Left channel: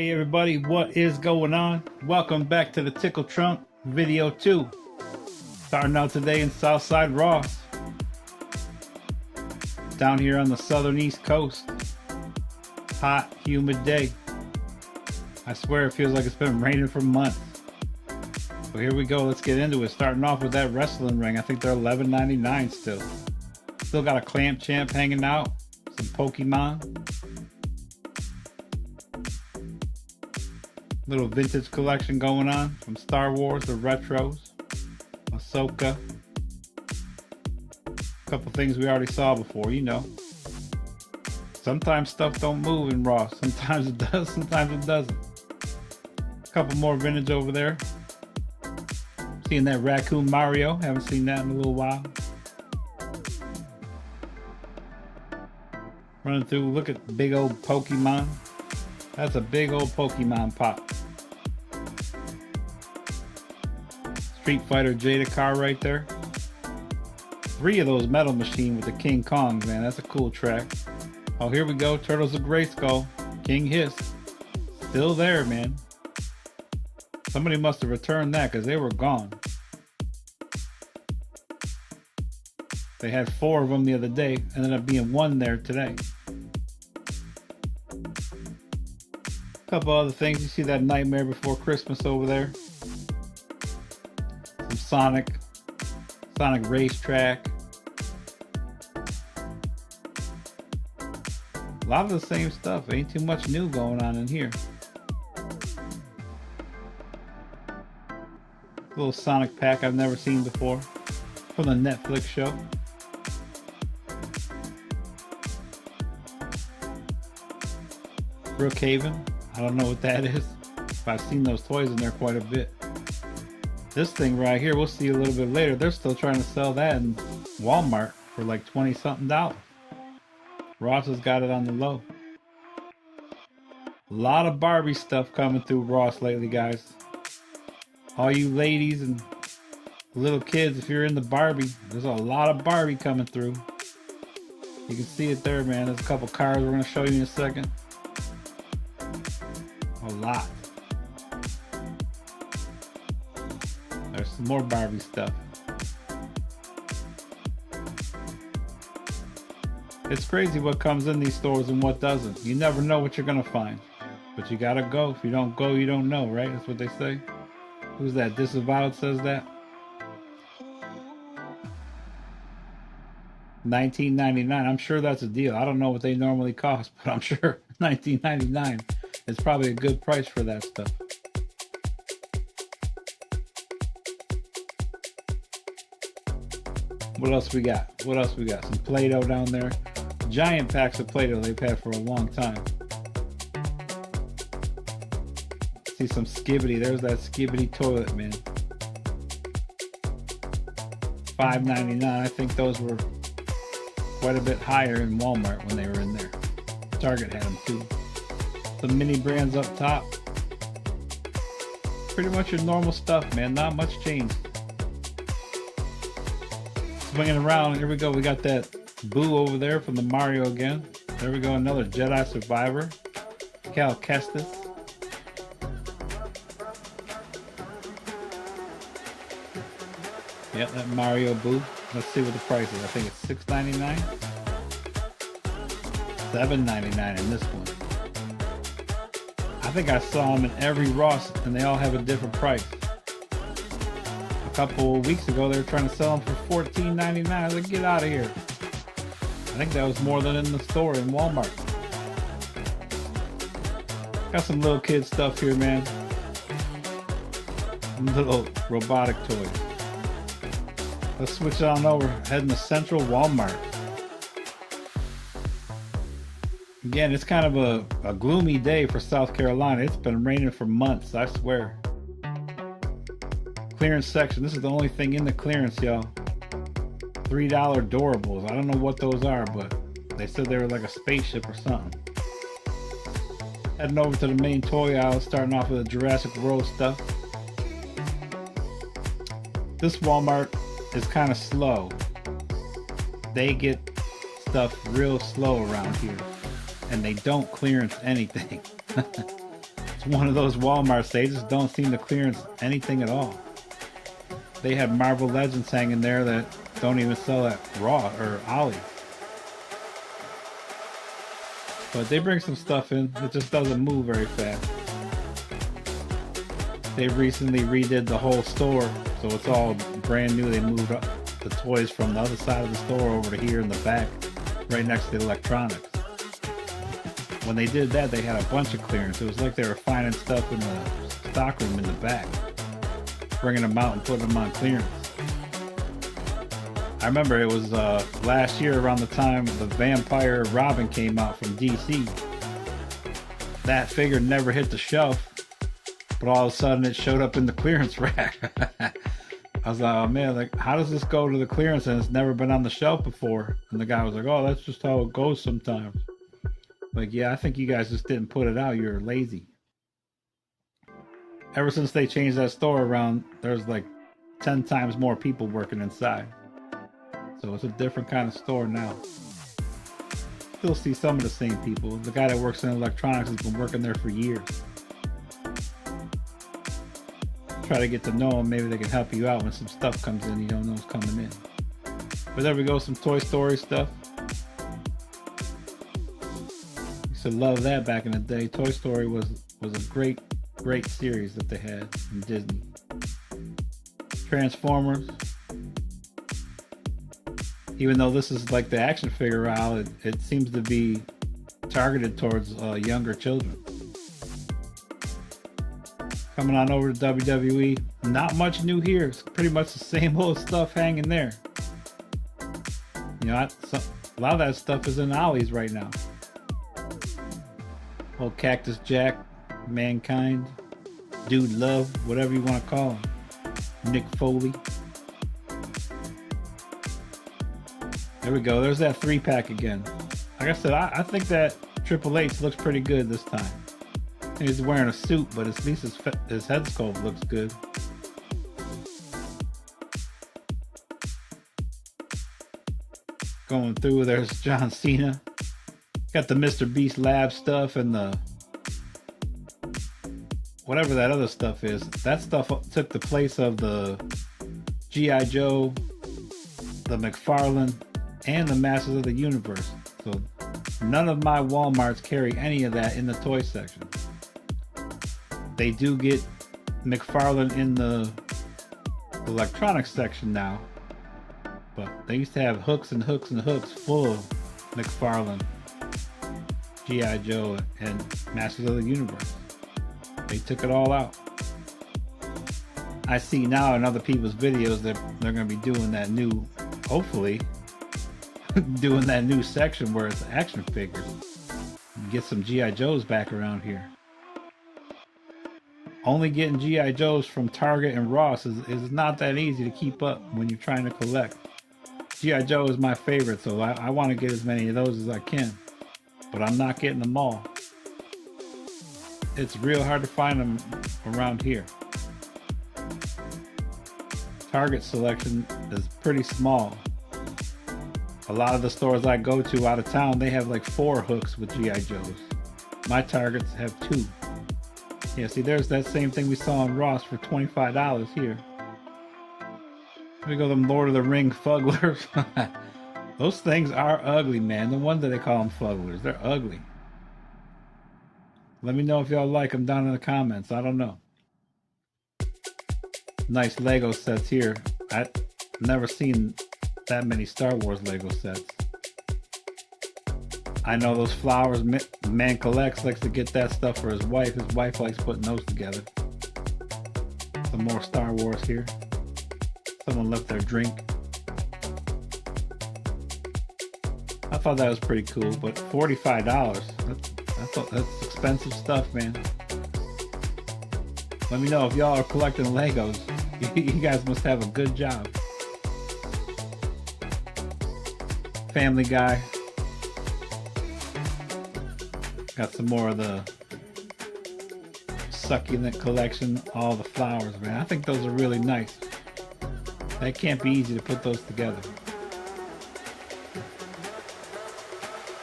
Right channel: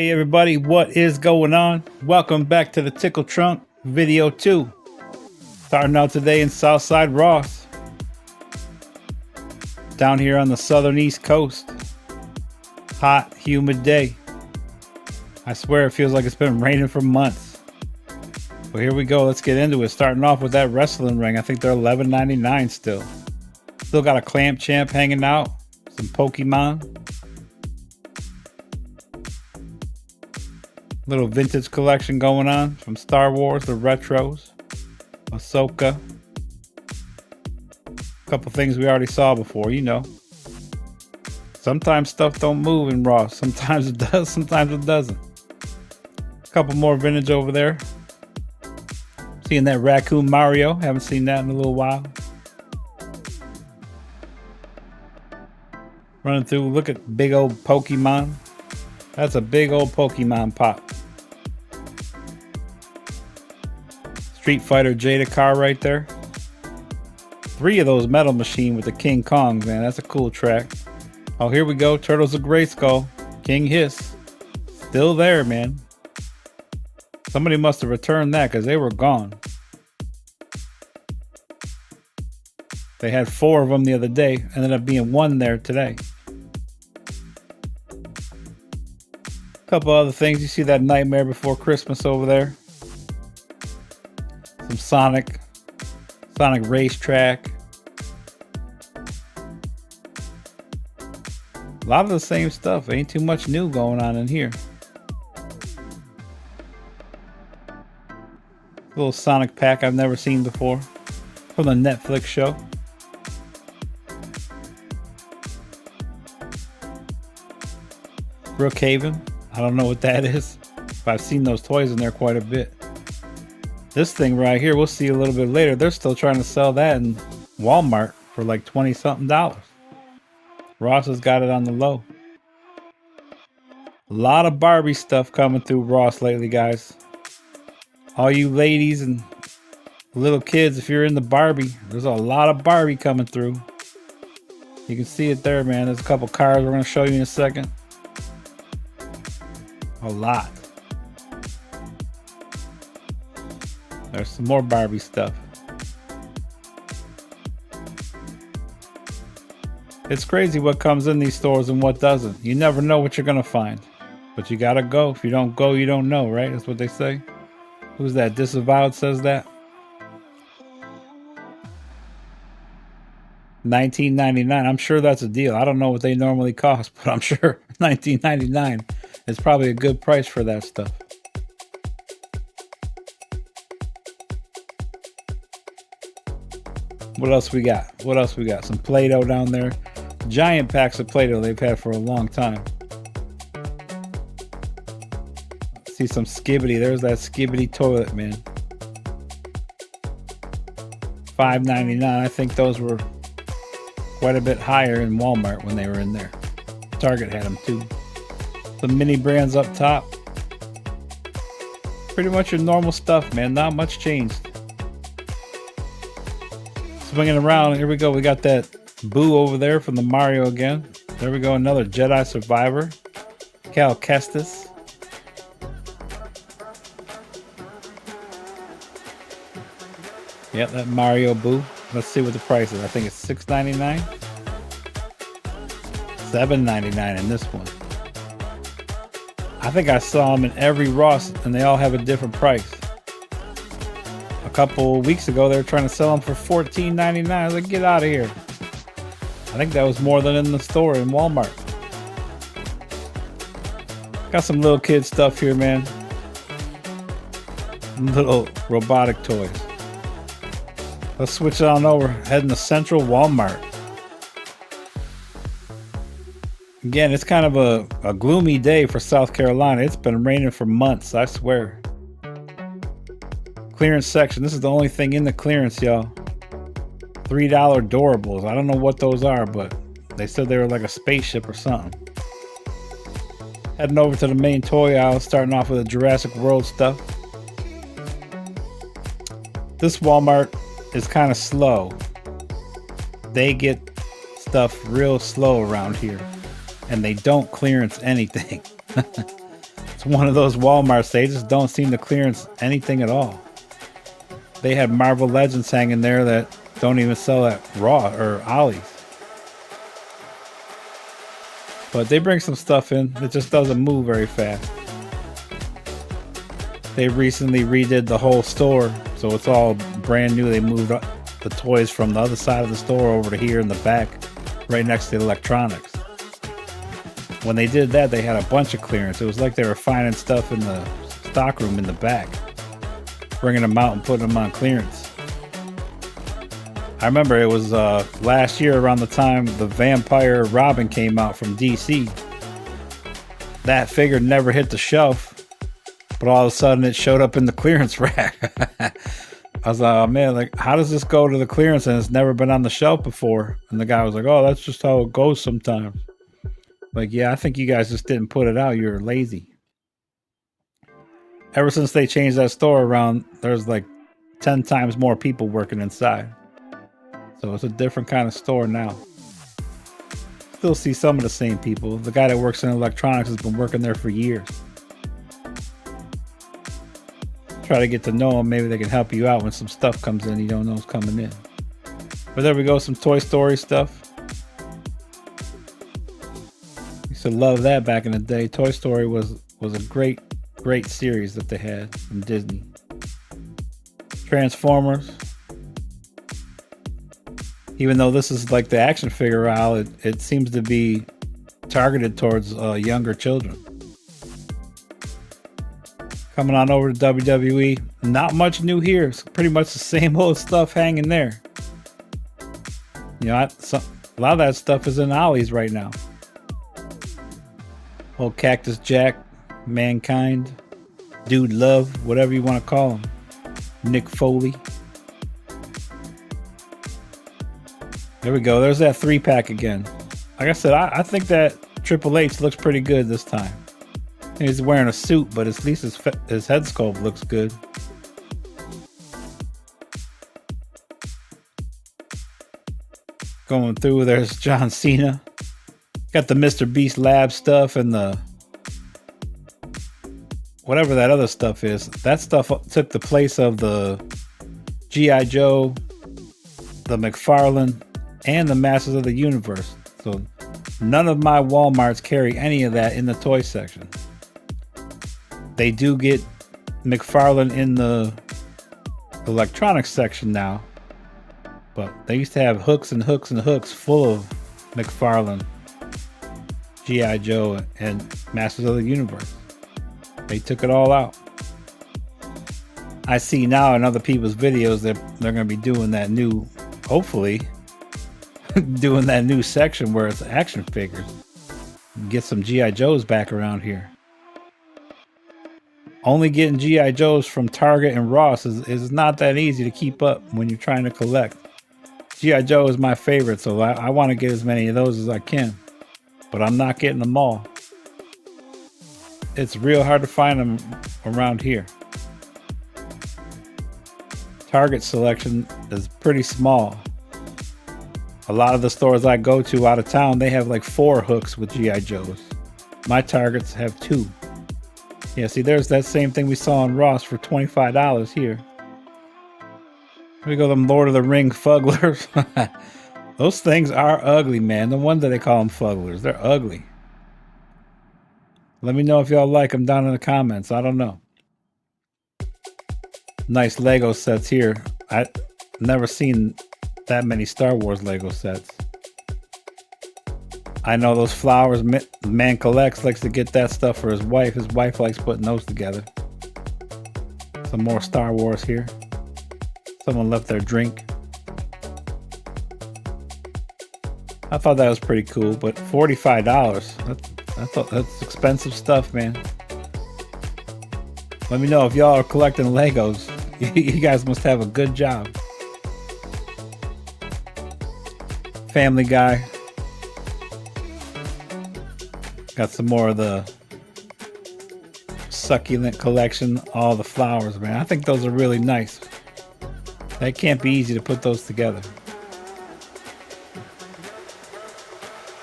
Hey everybody, what is going on? Welcome back to the Tickle Trunk video 2. Starting out today in Southside Ross. Down here on the southern east coast. Hot, humid day. I swear it feels like it's been raining for months. But here we go, let's get into it. Starting off with that wrestling ring. I think they're $11.99 still. Still got a Clamp Champ hanging out. Some Pokemon. Little vintage collection going on from Star Wars, the retros, Ahsoka. A couple things we already saw before, you know. Sometimes stuff don't move in Raw. Sometimes it does, sometimes it doesn't. A couple more vintage over there. Seeing that Raccoon Mario. Haven't seen that in a little while. Running through, look at big old Pokemon. That's a big old Pokemon pop. Street Fighter Jada car right there. 3 of those Metal Machine with the King Kongs, man. That's a cool track. Oh, here we go. Turtles of Grayskull. King Hiss. Still there, man. Somebody must have returned that because they were gone. They had 4 of them the other day. Ended up being 1 there today. Couple other things. You see that Nightmare Before Christmas over there. Some Sonic Racetrack. A lot of the same stuff. Ain't too much new going on in here. Little Sonic pack I've never seen before. From the Netflix show. Brookhaven. I don't know what that is, but I've seen those toys in there quite a bit. This thing right here, we'll see a little bit later. They're still trying to sell that in Walmart for like 20 something dollars. Ross has got it on the low. A lot of Barbie stuff coming through Ross lately, guys. All you ladies and little kids, if you're in the Barbie, there's a lot of Barbie coming through. You can see it there, man. There's a couple cars we're going to show you in a second. A lot. There's some more Barbie stuff. It's crazy what comes in these stores and what doesn't. You never know what you're gonna find. But you gotta go. If you don't go, you don't know, right? That's what they say. Who's that? Disavowed says that. $19.99. I'm sure that's a deal. I don't know what they normally cost, but I'm sure $19.99 is probably a good price for that stuff. What else we got? What else we got? Some Play-Doh down there. Giant packs of Play-Doh they've had for a long time. See some Skibbity. There's that Skibbity toilet, man. $5.99. I think those were quite a bit higher in Walmart when they were in there. Target had them too. The mini brands up top. Pretty much your normal stuff, man. Not much changed. Swinging around, here we go. We got that Boo over there from the Mario again. There we go, another Jedi Survivor. Cal Kestis. Yep, that Mario Boo. Let's see what the price is. I think it's $6.99. $7.99 in this one. I think I saw them in every Ross and they all have a different price. A couple weeks ago they were trying to sell them for $14.99. I was like, get out of here. I think that was more than in the store in Walmart. Got some little kid stuff here, man. Little robotic toys. Let's switch it on over. Heading to Central Walmart. Again, it's kind of a gloomy day for South Carolina. It's been raining for months, I swear. Clearance section. This is the only thing in the clearance, y'all. $3 Doorables. I don't know what those are, but they said they were like a spaceship or something. Heading over to the main toy aisle, starting off with the Jurassic World stuff. This Walmart is kind of slow. They get stuff real slow around here. And they don't clearance anything. It's one of those Walmarts, they just don't seem to clearance anything at all. They have Marvel Legends hanging there that don't even sell at Raw or Ollie's. But they bring some stuff in, it just doesn't move very fast. They recently redid the whole store, so it's all brand new. They moved the toys from the other side of the store over to here in the back, right next to the electronics. When they did that, they had a bunch of clearance. It was like they were finding stuff in the stock room in the back, bringing them out and putting them on clearance. I remember it was last year around the time the Vampire Robin came out from DC. That figure never hit the shelf, but all of a sudden it showed up in the clearance rack. I was like, oh man, like how does this go to the clearance and it's never been on the shelf before? And the guy was like, oh, that's just how it goes sometimes. Like, yeah, I think you guys just didn't put it out. You're lazy. Ever since they changed that store around, there's like 10 times more people working inside. So it's a different kind of store now. Still see some of the same people. The guy that works in electronics has been working there for years. Try to get to know them. Maybe they can help you out when some stuff comes in you don't know is coming in. But there we go, some Toy Story stuff. Used to love that back in the day. Toy Story was a great series that they had from Disney. Transformers. Even though this is like the action figure aisle, it seems to be targeted towards younger children. Coming on over to WWE, not much new here. It's pretty much the same old stuff hanging there. You know, a lot of that stuff is in Ollie's right now. Old Cactus Jack, Mankind, Dude Love, whatever you want to call him. Nick Foley. There we go. There's that 3-pack again. Like I said, I think that Triple H looks pretty good this time. He's wearing a suit, but at least his head sculpt looks good. Going through, there's John Cena. Got the Mr. Beast Lab stuff and the whatever that other stuff is. That stuff took the place of the G.I. Joe, the McFarlane, and the Masters of the Universe. So none of my Walmarts carry any of that in the toy section. They do get McFarlane in the electronics section now, but they used to have hooks and hooks and hooks full of McFarlane, G.I. Joe, and Masters of the Universe. They took it all out. I see now in other people's videos that they're going to be doing that new, hopefully, doing that new section where it's action figures. Get some G.I. Joes back around here. Only getting G.I. Joes from Target and Ross is not that easy to keep up when you're trying to collect. G.I. Joe is my favorite, so I want to get as many of those as I can. But I'm not getting them all. It's real hard to find them around here. Target selection is pretty small. A lot of the stores I go to out of town, they have like 4 hooks with G.I. Joes. My Targets have 2. Yeah, see, there's that same thing we saw in Ross for $25 here. Here we go, them Lord of the Ring fugglers. Those things are ugly, man. No wonder they call them fugglers. They're ugly. Let me know if y'all like them down in the comments. I don't know. Nice Lego sets here. I've never seen that many Star Wars Lego sets. I know those flowers man collects, likes to get that stuff for his wife. His wife likes putting those together. Some more Star Wars here. Someone left their drink. I thought that was pretty cool, but $45. That's expensive stuff, man. Let me know if y'all are collecting Legos. You guys must have a good job. Family Guy. Got some more of the succulent collection, all the flowers, man. I think those are really nice. That can't be easy to put those together.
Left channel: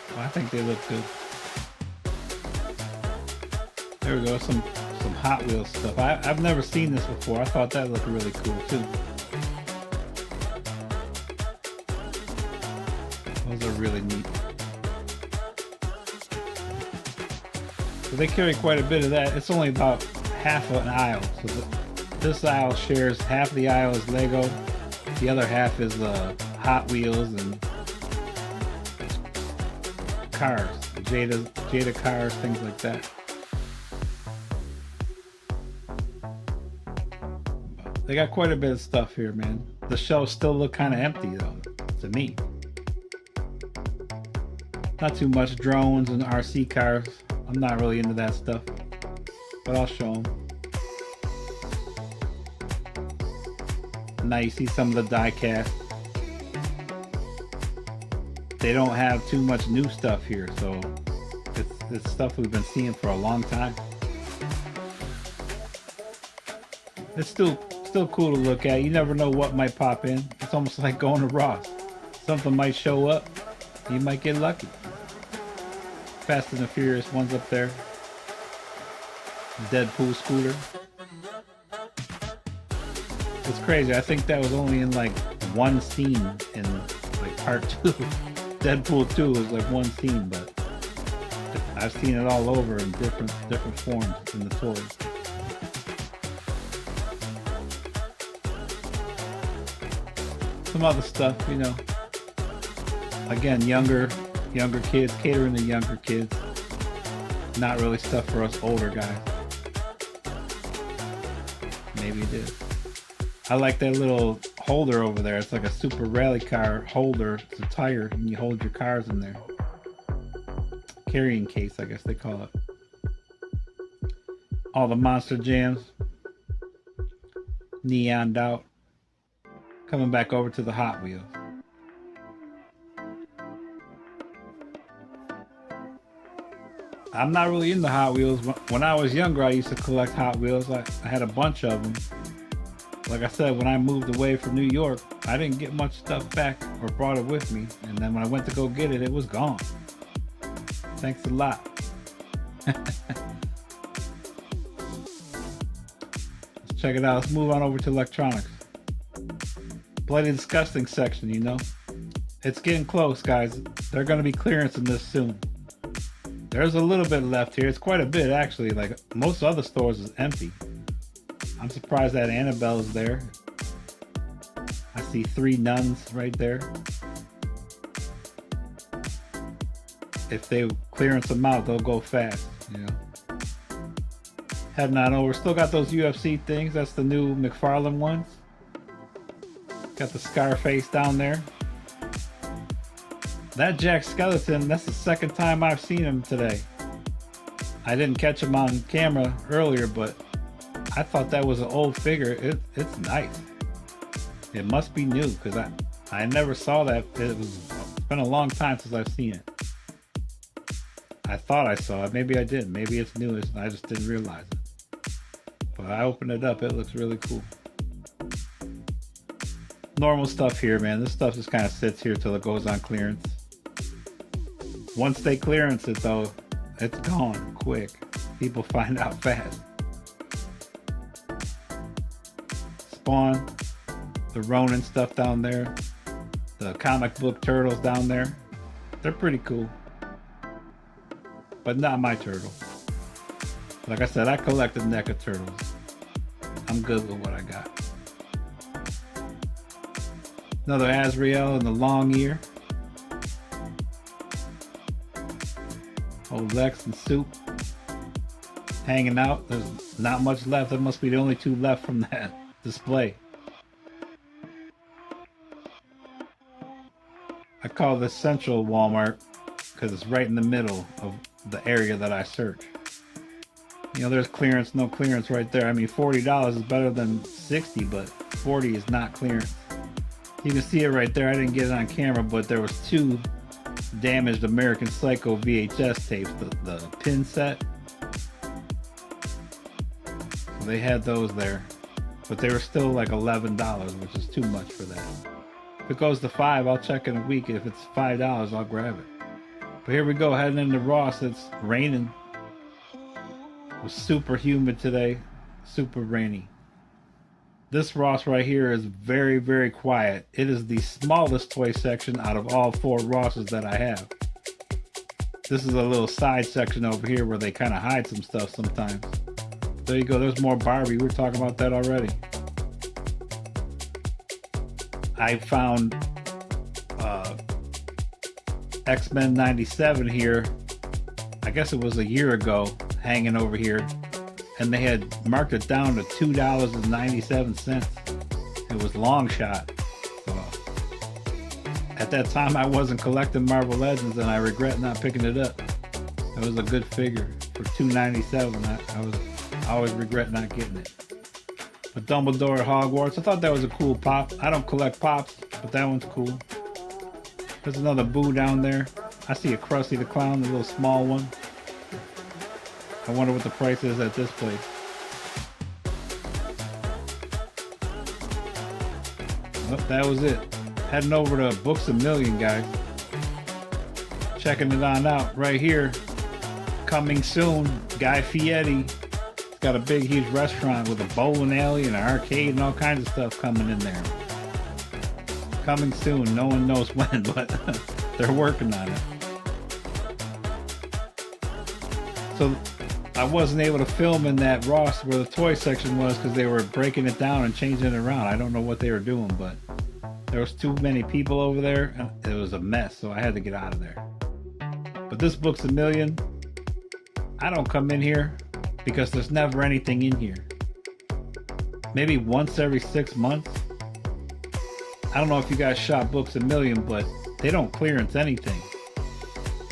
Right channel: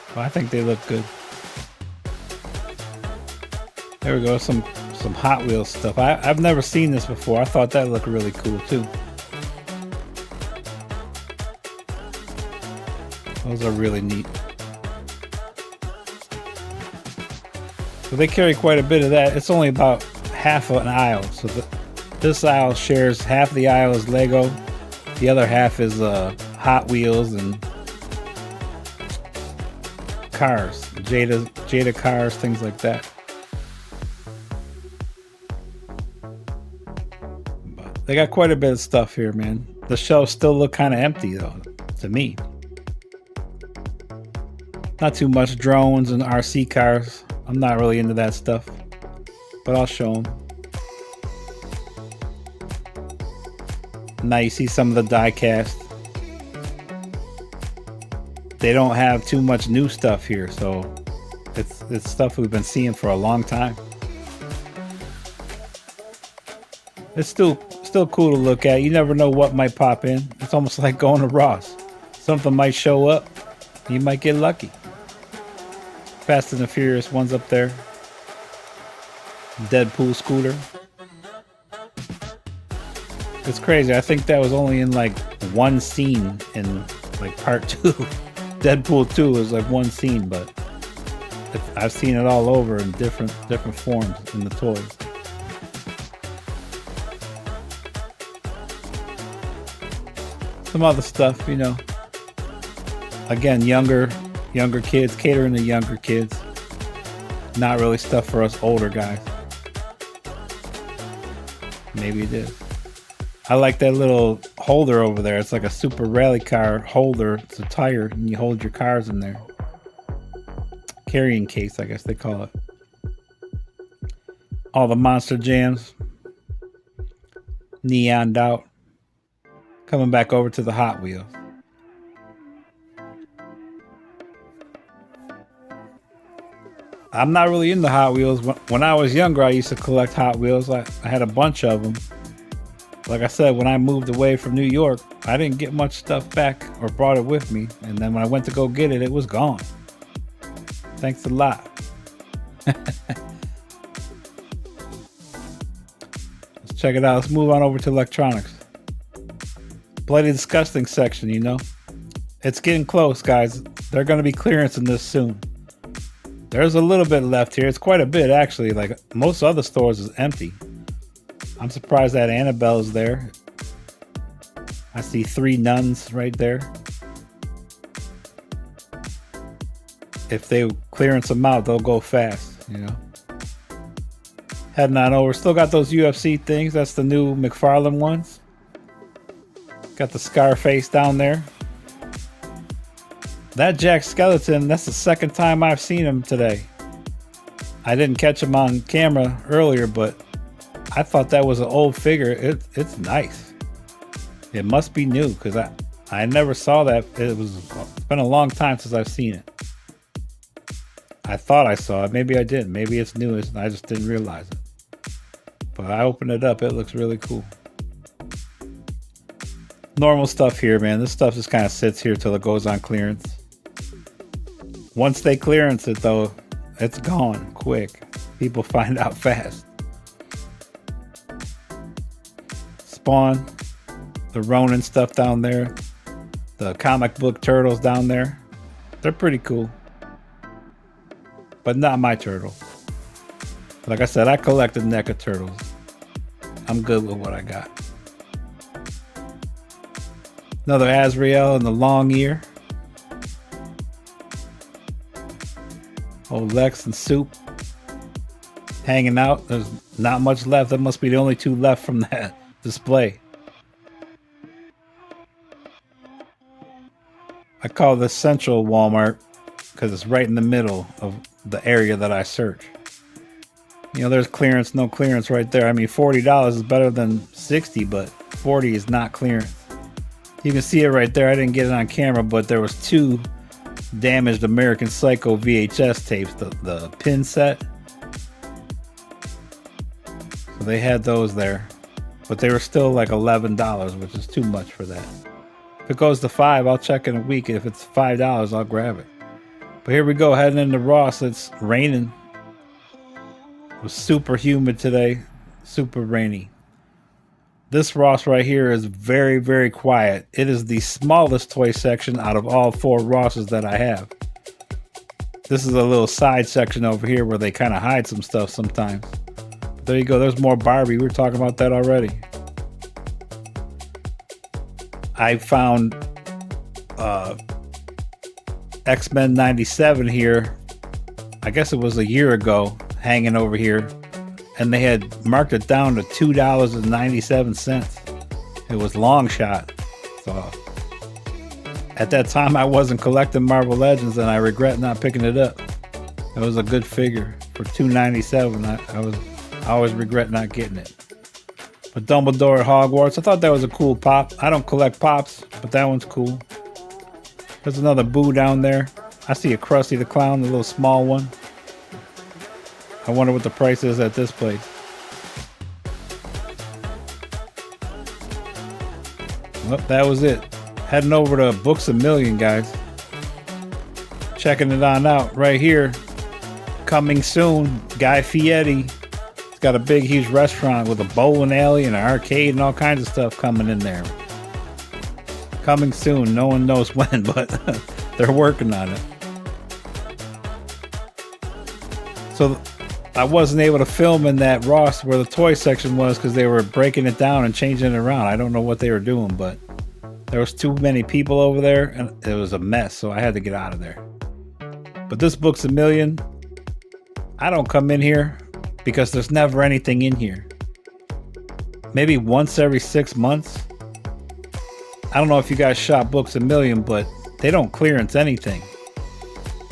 But I think they look good. There we go, some Hot Wheels stuff. I've never seen this before. I thought that looked really cool too. Those are really neat. So they carry quite a bit of that. It's only about half of an aisle. So this aisle shares half the aisle is Lego. The other half is Hot Wheels and cars, Jada cars, things like that. But they got quite a bit of stuff here, man. The shelves still look kind of empty though, to me. Not too much drones and RC cars. I'm not really into that stuff, but I'll show them. Now you see some of the die cast. They don't have too much new stuff here, so it's stuff we've been seeing for a long time. It's still cool to look at. You never know what might pop in. It's almost like going to Ross. Something might show up. You might get lucky. Fast and the Furious one's up there. Deadpool scooter. It's crazy. I think that was only in like one scene in like part 2. Deadpool 2 was like one scene, but I've seen it all over in different forms in the toys. Some other stuff, you know. Again, younger kids, catering to younger kids. Not really stuff for us older guys. Maybe it is. I like that little holder over there. It's like a super rally car holder. It's a tire, and you hold your cars in there. Carrying case, I guess they call it. All the Monster Jams. Neoned out. Coming back over to the Hot Wheels. I'm not really into Hot Wheels. When I was younger, I used to collect Hot Wheels. I had a bunch of them. Like I said, when I moved away from New York, I didn't get much stuff back or brought it with me. And then when I went to go get it, it was gone. Thanks a lot. Let's check it out. Let's move on over to electronics. Bloody Disgusting section, you know. It's getting close, guys. They're going to be clearancing this soon. There's a little bit left here. It's quite a bit, actually. Like most other stores is empty. I'm surprised that Annabelle's there. I see 3 nuns right there. If they clearance them out, they'll go fast, you know. Heading on over. Still got those UFC things. That's the new McFarlane ones. Got the Scarface down there. That Jack Skeleton, that's the second time I've seen him today. I didn't catch him on camera earlier, but I thought that was an old figure. It's nice. It must be new because I never saw that. It's been a long time since I've seen it. I thought I saw it. Maybe I didn't. Maybe it's new and I just didn't realize it. But I opened it up. It looks really cool. Normal stuff here, man. This stuff just kind of sits here till it goes on clearance. Once they clearance it, though, it's gone quick. People find out fast. Spawn, the Ronin stuff down there, the comic book turtles down there. They're pretty cool. But not my turtle. Like I said, I collected NECA turtles. I'm good with what I got. Another Azrael and the long ear. Old Lex and Soup hanging out. There's not much left. That must be the only 2 left from that display. I call this Central Walmart because it's right in the middle of the area that I search. You know, there's clearance, no clearance right there. I mean, $40 is better than $60, but $40 is not clearance. You can see it right there. I didn't get it on camera, but there was 2 damaged American Psycho VHS tapes, the pin set. So they had those there, but they were still like $11, which is too much for that. If it goes to $5, I'll check in a week. If it's $5, I'll grab it. But here we go, heading into Ross. It's raining. It was super humid today, super rainy. This Ross right here is very, very quiet. It is the smallest toy section out of all 4 Rosses that I have. This is a little side section over here where they kind of hide some stuff sometimes. There you go, there's more Barbie. We were talking about that already. I found X-Men 97 here. I guess it was a year ago, hanging over here. And they had marked it down to $2.97. It was long shot. So at that time, I wasn't collecting Marvel Legends, and I regret not picking it up. It was a good figure for $2.97. I always regret not getting it. But Dumbledore at Hogwarts, I thought that was a cool pop. I don't collect pops, but that one's cool. There's another Boo down there. I see a Krusty the Clown, the little small one. I wonder what the price is at this place. Well, that was it. Heading over to Books A Million, guys. Checking it on out right here. Coming soon, Guy Fieri. It's got a big, huge restaurant with a bowling alley and an arcade and all kinds of stuff coming in there. Coming soon. No one knows when, but they're working on it. So I wasn't able to film in that Ross where the toy section was because they were breaking it down and changing it around. I don't know what they were doing, but there was too many people over there and it was a mess, so I had to get out of there. But this Book's A Million, I don't come in here because there's never anything in here. Maybe once every 6 months. I don't know if you guys shop Books A Million, but they don't clearance anything.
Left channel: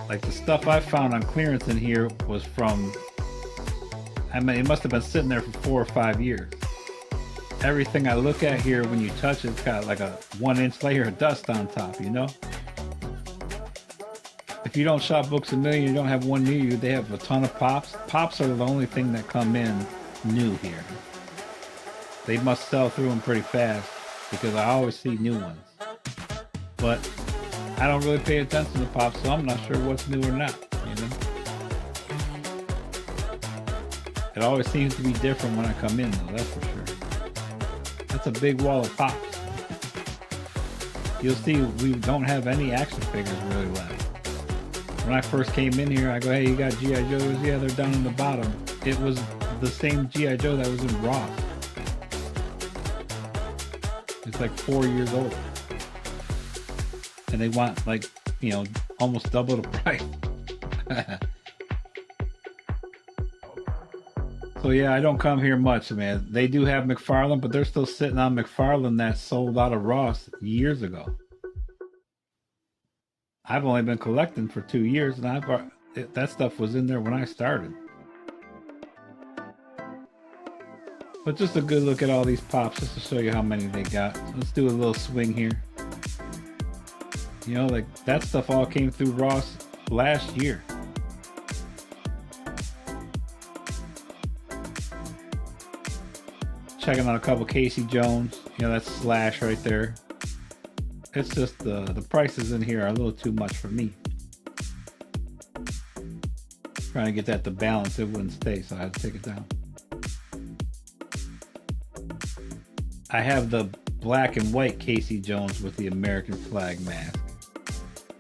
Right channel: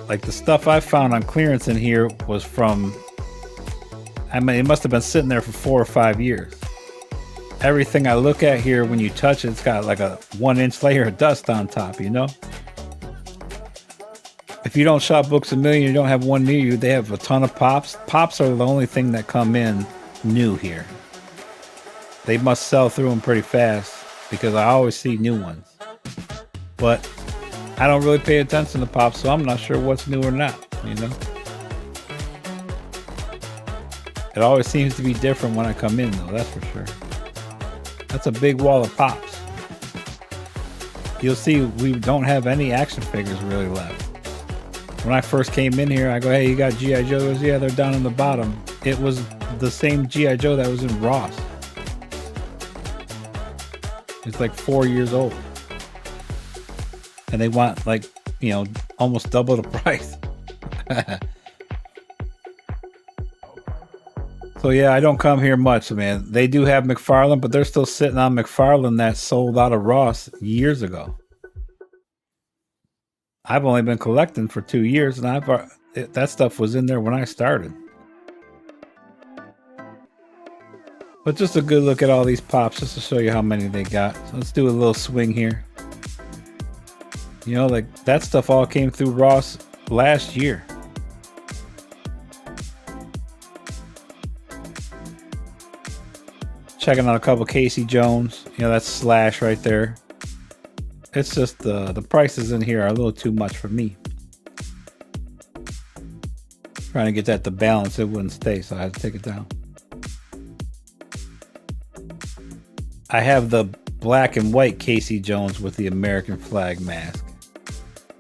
Like the stuff I found on clearance in here was from, I mean, it must have been sitting there for 4 or 5 years. Everything I look at here, when you touch it, it's got like a 1-inch layer of dust on top, you know? If you don't shop Books A Million, you don't have one near you, they have a ton of pops. Pops are the only thing that come in new here. They must sell through them pretty fast because I always see new ones. But I don't really pay attention to pops, so I'm not sure what's new or not, you know? It always seems to be different when I come in, though, that's for sure. That's a big wall of pops. You'll see we don't have any action figures really left. When I first came in here, I go, hey, you got G.I. Joes? Yeah, they're down in the bottom. It was the same G.I. Joe that was in Ross. It's like 4 years old. And they want like, you know, almost double the price. So yeah, I don't come here much, man. They do have McFarlane, but they're still sitting on McFarlane that sold out of Ross years ago. I've only been collecting for 2 years, and that stuff was in there when I started. But just a good look at all these pops, just to show you how many they got. So let's do a little swing here. You know, like that stuff all came through Ross last year. Checking out a couple Casey Jones. You know, that's Slash right there. It's just the prices in here are a little too much for me. Trying to get that to balance, it wouldn't stay, so I had to take it down. I have the black and white Casey Jones with the American flag mask.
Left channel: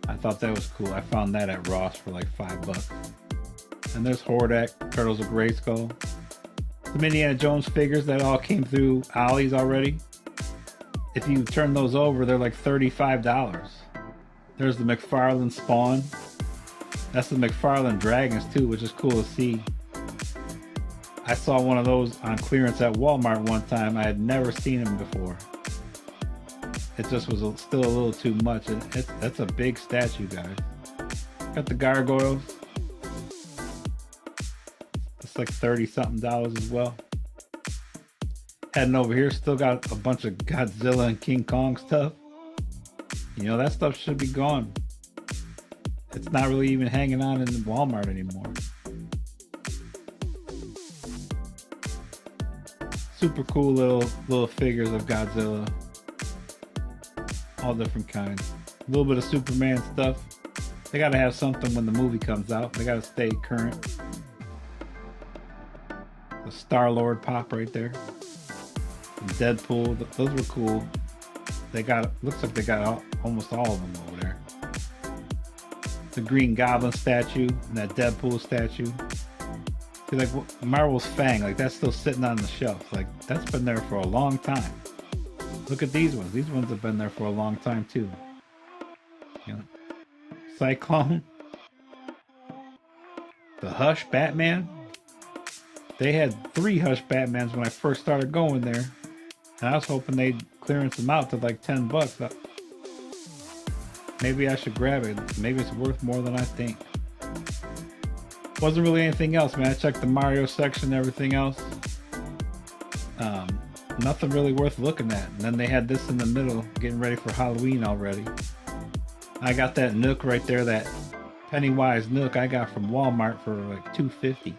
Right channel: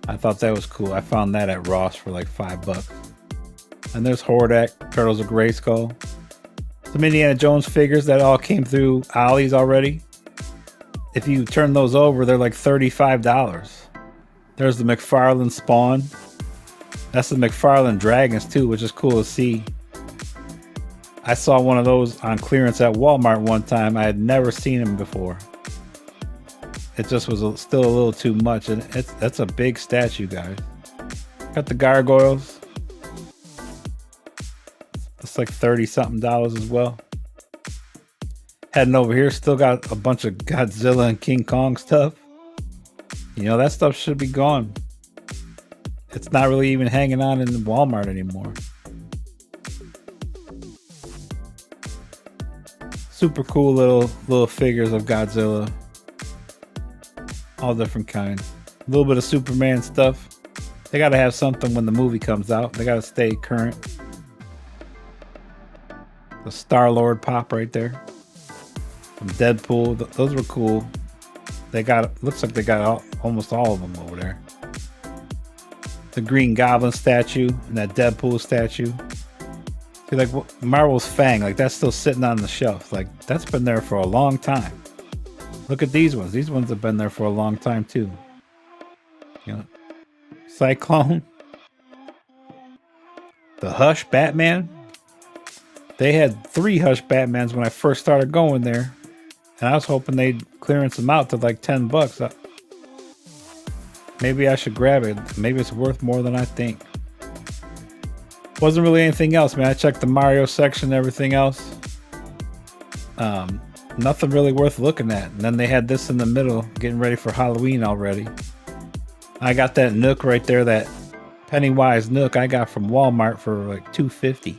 I thought that was cool. I found that at Ross for like $5. And there's Hordak, Turtles of Grayskull. Some Indiana Jones figures that all came through Ollie's already. If you turn those over, they're like $35. There's the McFarlane Spawn. That's the McFarlane Dragons too, which is cool to see. I saw one of those on clearance at Walmart one time. I had never seen them before. It just was still a little too much, and that's a big statue, guys. Got the gargoyles. It's like $30-something as well. Heading over here, still got a bunch of Godzilla and King Kong stuff. You know, that stuff should be gone. It's not really even hanging on in Walmart anymore. Super cool little figures of Godzilla. All different kinds. A little bit of Superman stuff. They gotta have something when the movie comes out. They gotta stay current. The Star-Lord pop right there. Some Deadpool. Those were cool. They got, looks like they got almost all of them over there. The Green Goblin statue and that Deadpool statue. See, like Marvel's Fang, like that's still sitting on the shelf. Like that's been there for a long time. Look at these ones. These ones have been there for a long time too. You know, Cyclone. The Hush Batman. They had 3 Hush Batmans when I first started going there. And I was hoping they'd clearance them out to like $10. Maybe I should grab it. Maybe it's worth more than I think. Wasn't really anything else, man. I checked the Mario section and everything else. Nothing really worth looking at. And then they had this in the middle, getting ready for Halloween already. I got that Nook right there, that Pennywise Nook I got from Walmart for like $2.50.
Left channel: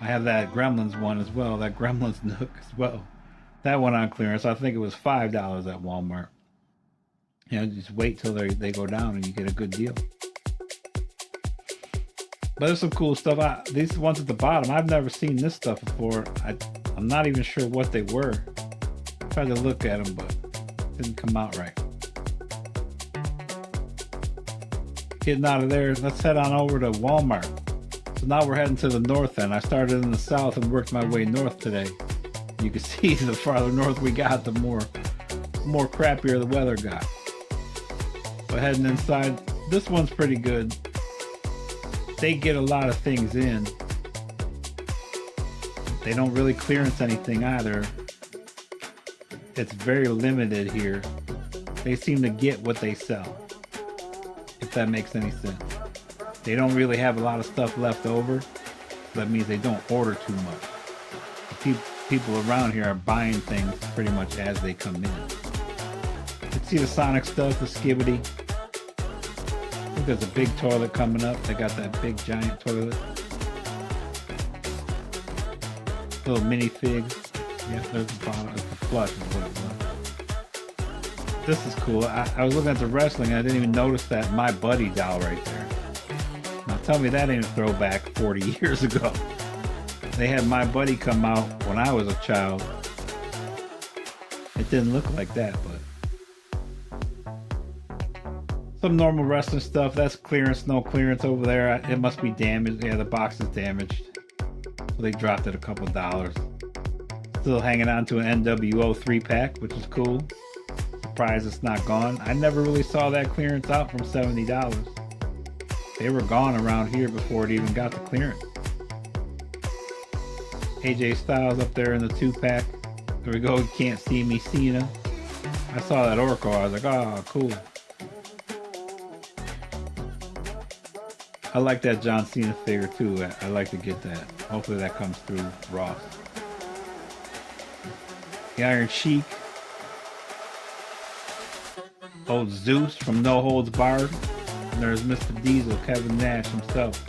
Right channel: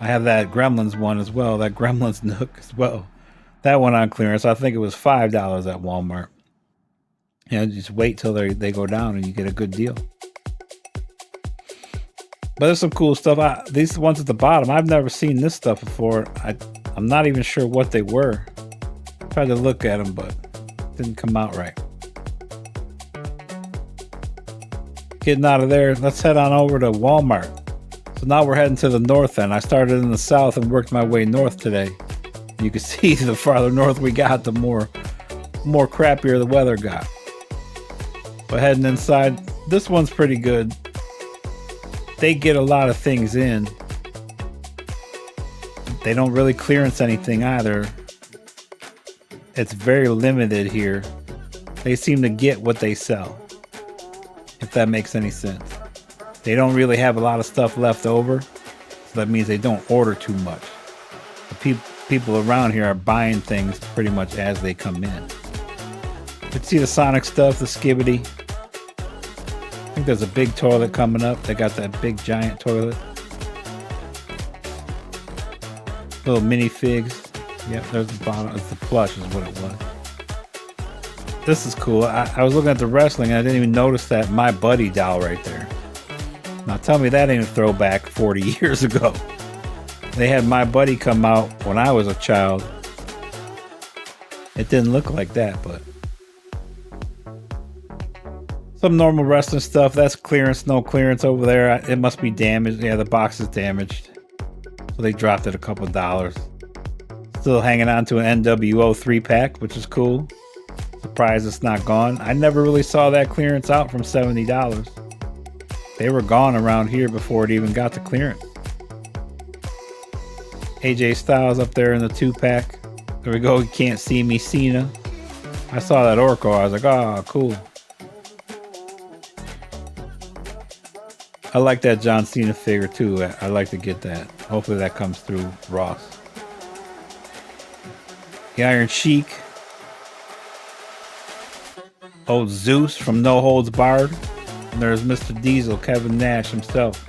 I have that Gremlins one as well, that Gremlins Nook as well. That one on clearance, I think it was $5 at Walmart. Yeah, just wait till they go down and you get a good deal. But there's some cool stuff. These ones at the bottom, I've never seen this stuff before. I'm not even sure what they were. I tried to look at them, but it didn't come out right. Getting out of there, let's head on over to Walmart. So now we're heading to the north end. I started in the south and worked my way north today. You can see the farther north we got, the more crappier the weather got. But heading inside, this one's pretty good. They get a lot of things in. They don't really clearance anything either. It's very limited here. They seem to get what they sell, if that makes any sense. They don't really have a lot of stuff left over, so that means they don't order too much. The people around here are buying things pretty much as they come in. You can see the Sonic stuff, the Skibbity. I think there's a big toilet coming up. They got that big giant toilet. Little minifigs. Yeah, there's the bottom. It's the plush is what it was. This is cool. I was looking at the wrestling and I didn't even notice that My Buddy doll right there. Now tell me that ain't a throwback 40 years ago. They had My Buddy come out when I was a child. It didn't look like that, but some normal wrestling stuff. That's clearance, no clearance over there. It must be damaged. Yeah, the box is damaged. So they dropped it a couple $. Still hanging on to an NWO 3-pack, which is cool. Surprised it's not gone. I never really saw that clearance out from $70. They were gone around here before it even got to clearance. AJ Styles up there in the 2-pack. There we go. You Can't See Me, Cena. I saw that Orko. I was like, oh, cool. I like that John Cena figure too. I like to get that. Hopefully that comes through Ross. The Iron Sheik. Old Zeus from No Holds Barred. And there's Mr. Diesel, Kevin Nash himself.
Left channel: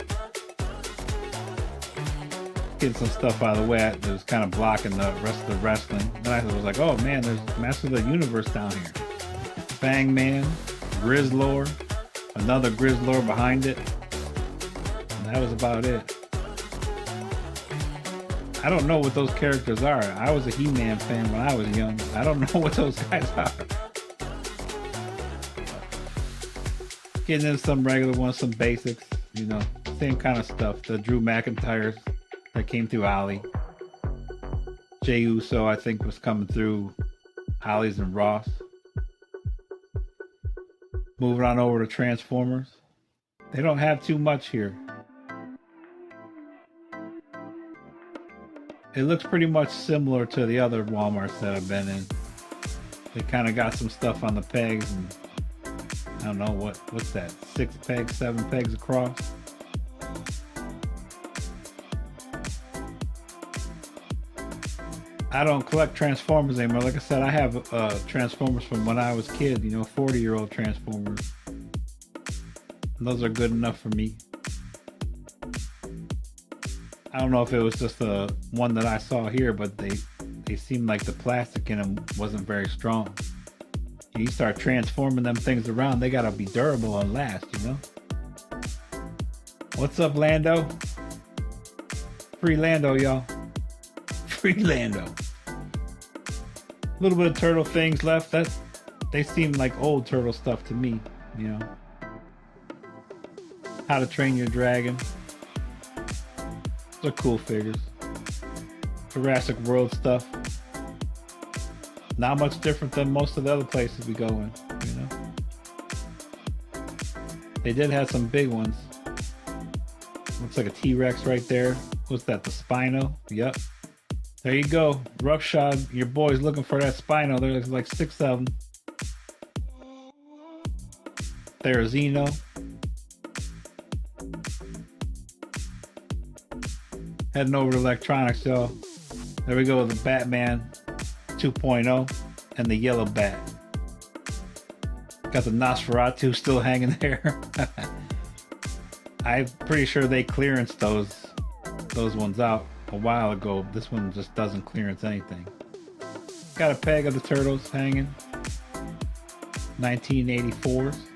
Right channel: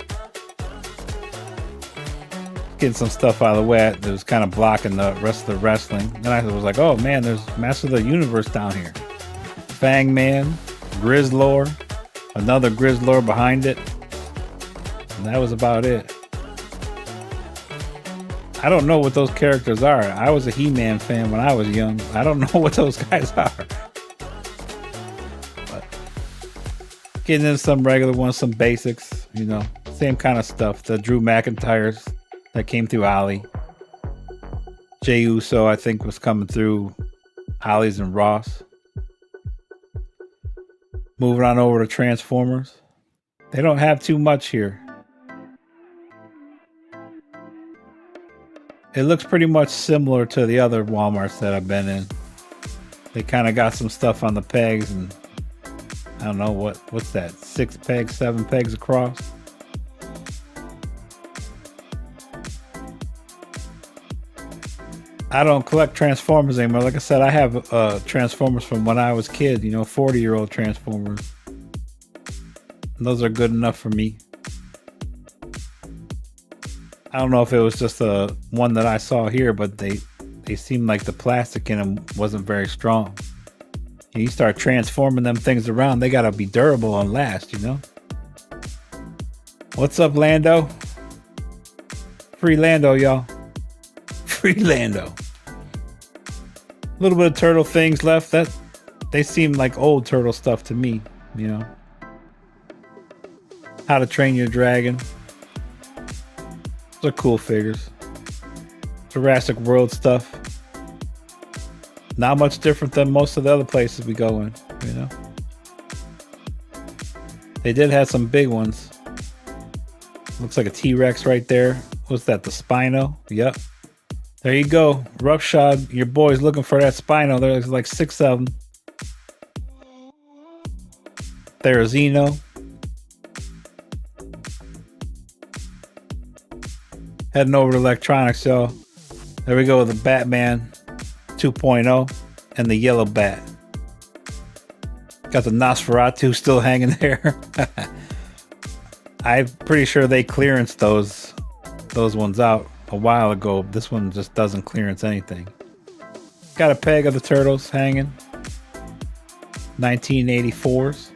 Getting some stuff out of the way that was kind of blocking the rest of the wrestling. Then I was like, oh man, there's Master of the Universe down here. Fang Man, Grizzlor, another Grizzlor behind it. And that was about it. I don't know what those characters are. I was a He-Man fan when I was young. I don't know what those guys are. But getting into some regular ones, some basics, you know, same kind of stuff. The Drew McIntyres that came through Ollie. Jey Uso, I think, was coming through Ollie's and Ross. Moving on over to Transformers. They don't have too much here. It looks pretty much similar to the other Walmarts that I've been in. They kind of got some stuff on the pegs and I don't know what's that, 6 pegs, 7 pegs across. I don't collect Transformers anymore. Like I said, I have Transformers from when I was a kid, you know, 40-year-old Transformers. And those are good enough for me. I don't know if it was just the one that I saw here, but they seemed like the plastic in them wasn't very strong. And you start transforming them things around, they gotta be durable and last, you know? What's up, Lando? Free Lando, y'all. Free Lando. A little bit of turtle things left. That they seem like old turtle stuff to me, you know. How to Train Your Dragon. Those are cool figures. Jurassic World stuff. Not much different than most of the other places we go in, you know. They did have some big ones. Looks like a T-Rex right there. What's that, the Spino? Yep. There you go. Roughshod, your boy's looking for that Spino. There's like 6 of them. There's Xeno. Heading over to electronics, y'all. There we go with the Batman 2.0 and the yellow bat. Got the Nosferatu still hanging there. I'm pretty sure they clearanced those ones out a while ago. This one just doesn't clearance anything. Got a peg of the Turtles hanging. 1984s.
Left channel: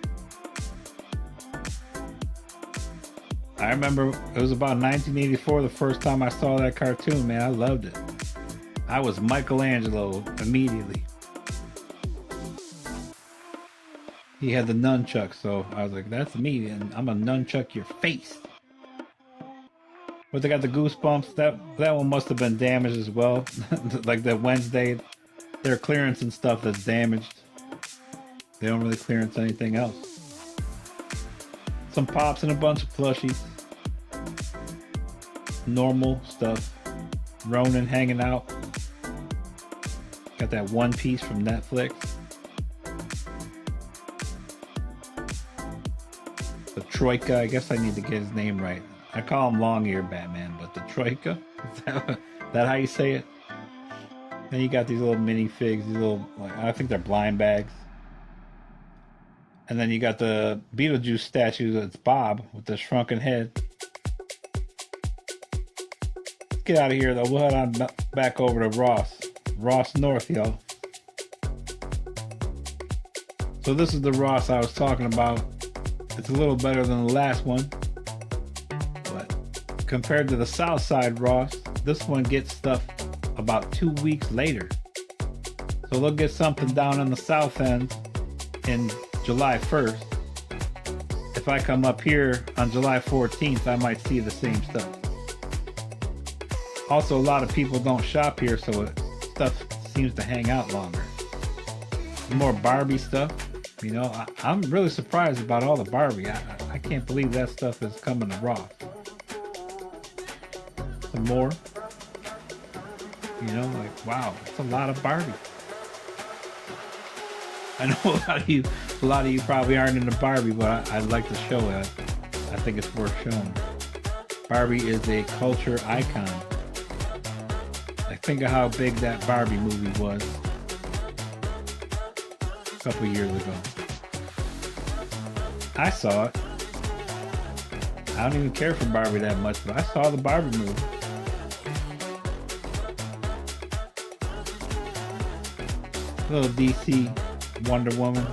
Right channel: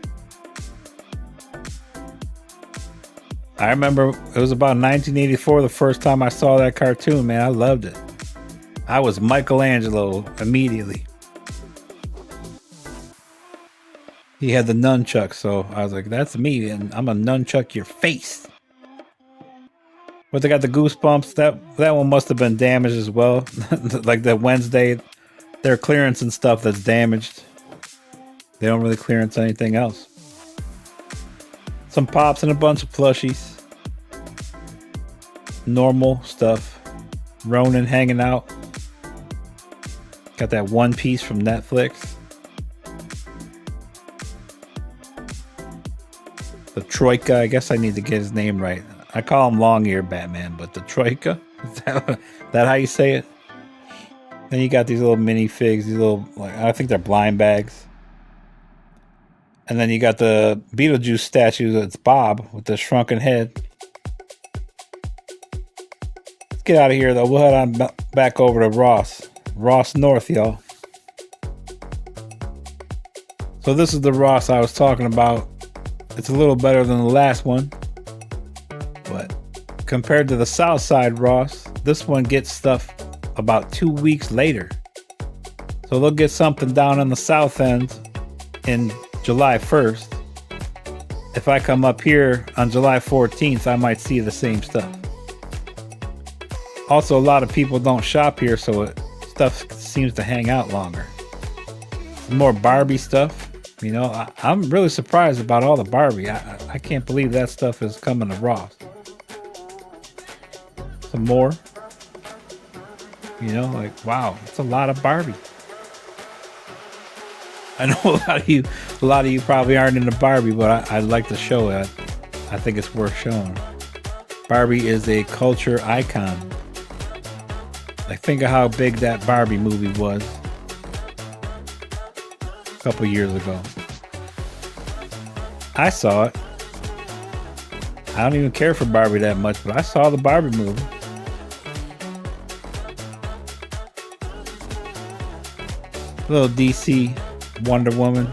I remember it was about 1984 the first time I saw that cartoon, man. I loved it. I was Michelangelo immediately. He had the nunchuck, so I was like, that's me, and I'm gonna nunchuck your face. But they got the Goosebumps. That one must have been damaged as well. Like that Wednesday, their clearance and stuff that's damaged. They don't really clearance anything else. Some pops and a bunch of plushies. Normal stuff. Ronin hanging out. Got that One Piece from Netflix. The Troika, I guess I need to get his name right. I call him Long Ear Batman, but the Troika? Is that how you say it? Then you got these little mini figs, these little, like, I think they're blind bags. And then you got the Beetlejuice statue that's Bob with the shrunken head. Let's get out of here though. We'll head on back over to Ross North, y'all. So this is the Ross I was talking about. It's a little better than the last one, but compared to the South Side Ross, this one gets stuff about 2 weeks later. So they'll get something down on the South End in July 1st. If I come up here on July 14th, I might see the same stuff. Also, a lot of people don't shop here, so stuff seems to hang out longer. More Barbie stuff. You know, I'm really surprised about all the Barbie. I can't believe that stuff is coming to Ross. Some more. You know, like, wow, it's a lot of Barbie. I know a lot of you probably aren't into Barbie, but I'd like to show it. I think it's worth showing. Barbie is a culture icon. Like, think of how big that Barbie movie was a couple years ago. I saw it. I don't even care for Barbie that much, but I saw the Barbie movie. Little DC Wonder Woman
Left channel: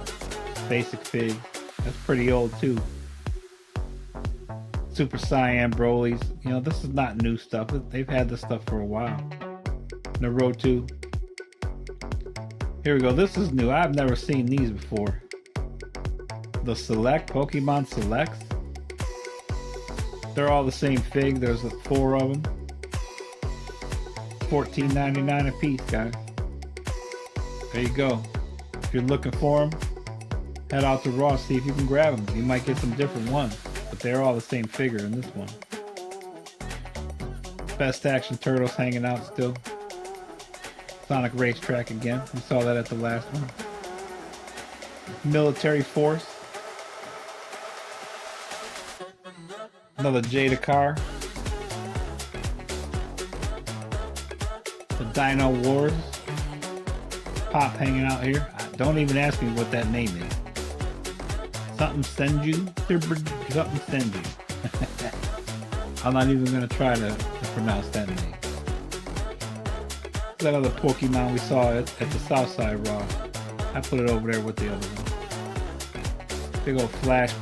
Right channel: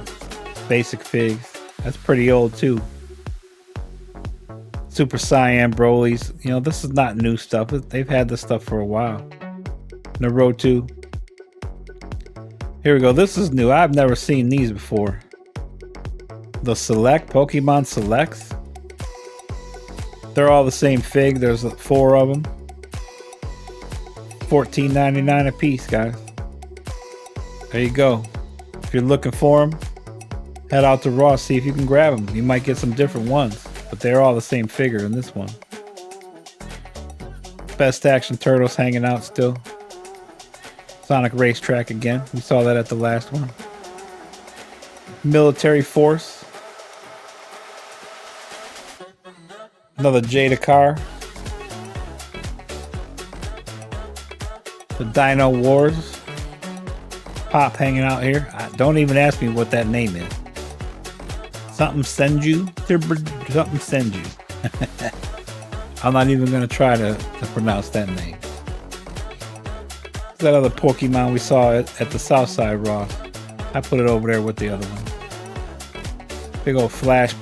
basic figs. That's pretty old too. Super Saiyan Broly's. You know, this is not new stuff. They've had this stuff for a while. Naruto. Here we go. This is new. I've never seen these before. The Select, Pokemon Selects. They're all the same fig. There's 4 of them. $14.99 a piece, guys. There you go. If you're looking for them, head out to Ross, see if you can grab them. You might get some different ones, but they're all the same figure in this one. Best Action Turtles hanging out still. Sonic Racetrack again. We saw that at the last one. Military Force. Another Jada car. The Dino Wars. Pop hanging out here. Don't even ask me what that name is. Something Senju? Something Senju. I'm not even going to try to pronounce that name. That other Pokemon we saw at the Southside Ross. I put it over there with the other one. Big old Flash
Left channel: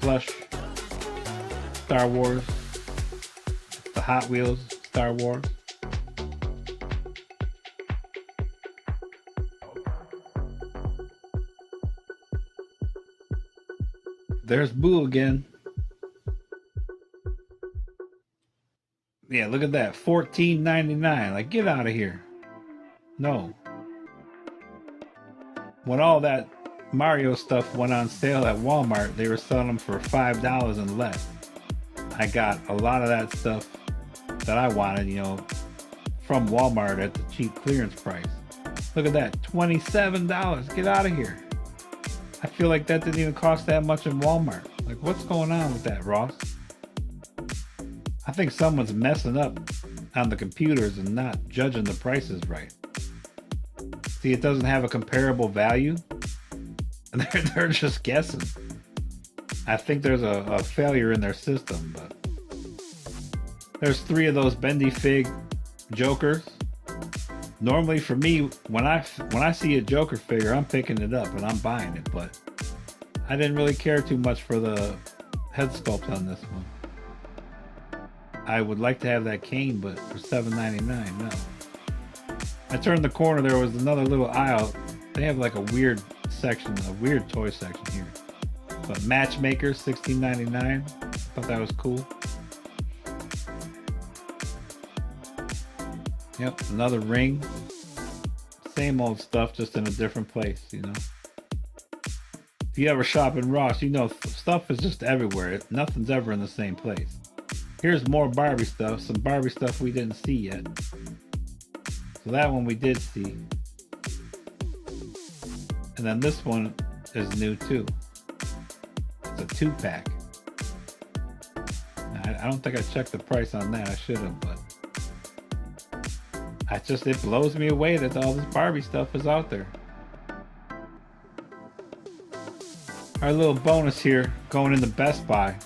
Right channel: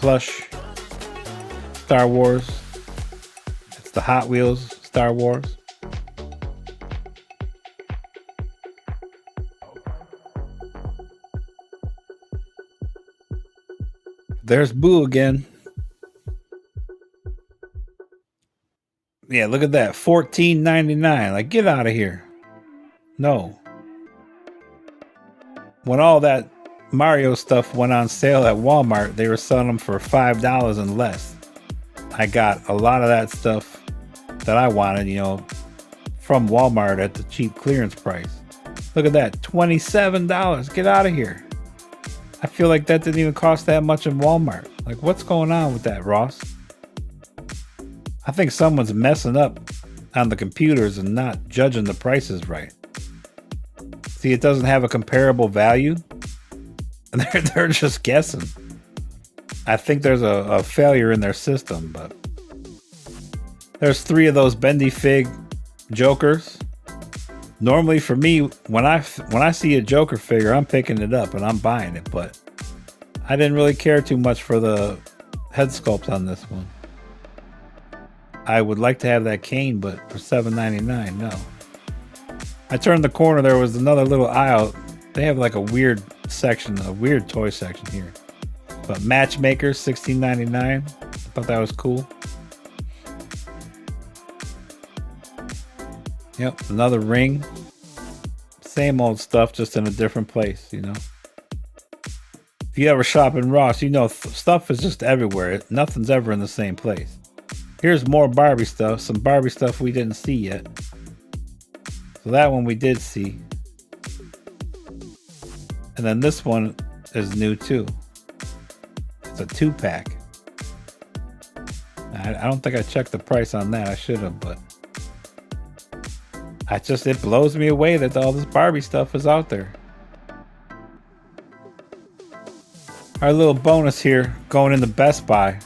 plush. Star Wars. It's the Hot Wheels Star Wars. There's Boo again. Yeah, look at that. $14.99. Like, get out of here. No. When all that Mario stuff went on sale at Walmart, they were selling them for $5 and less. I got a lot of that stuff that I wanted, you know, from Walmart at the cheap clearance price. Look at that. $27. Get out of here. I feel like that didn't even cost that much in Walmart. Like, what's going on with that, Ross? I think someone's messing up on the computers and not judging the prices right. See, it doesn't have a comparable value, and they're just guessing. I think there's a failure in their system, but there's 3 of those Bendy Fig Jokers. Normally for me, when I see a Joker figure, I'm picking it up and I'm buying it, but I didn't really care too much for the head sculpt on this one. I would like to have that cane, but for $7.99, no. I turned the corner, there was another little aisle. They have like a weird section, a weird toy section here. But Matchmakers, $16.99. I thought that was cool. Yep, another ring. Same old stuff, just in a different place, you know. If you ever shop in Ross, you know stuff is just everywhere. Nothing's ever in the same place. Here's more Barbie stuff, some Barbie stuff we didn't see yet. So that one we did see. And then this one is new too. It's a 2-pack. I don't think I checked the price on that. I should have, but it blows me away that all this Barbie stuff is out there. Our little bonus here going into Best Buy.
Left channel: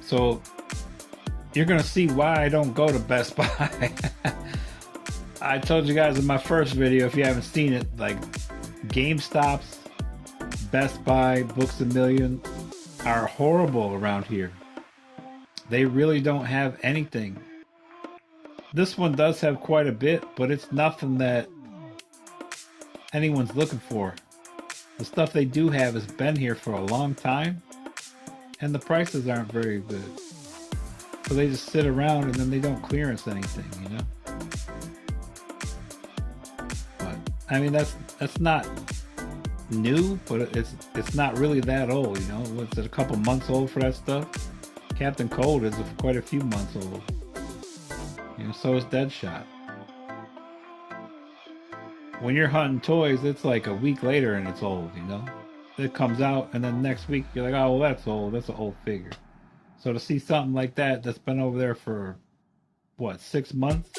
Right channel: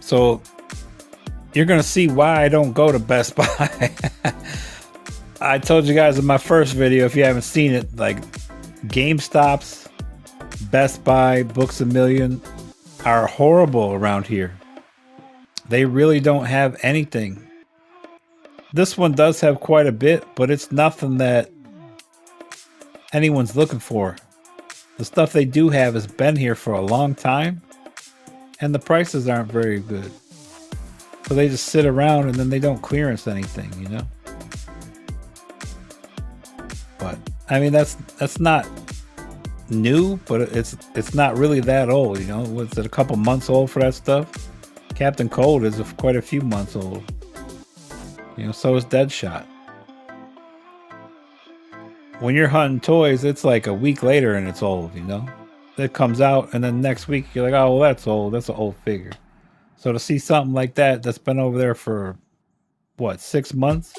So you're gonna see why I don't go to Best Buy. I told you guys in my first video, if you haven't seen it, like GameStops, Best Buy, Books A Million are horrible around here. They really don't have anything. This one does have quite a bit, but it's nothing that anyone's looking for. The stuff they do have has been here for a long time, and the prices aren't very good. So they just sit around and then they don't clearance anything, you know? But I mean, that's not new, but it's not really that old, you know? Was it a couple months old for that stuff? Captain Cold is quite a few months old. You know, so is Deadshot. When you're hunting toys, it's like a week later and it's old, you know? It comes out and then next week you're like, oh, well, that's old. That's an old figure. So to see something like that that's been over there for, what, 6 months?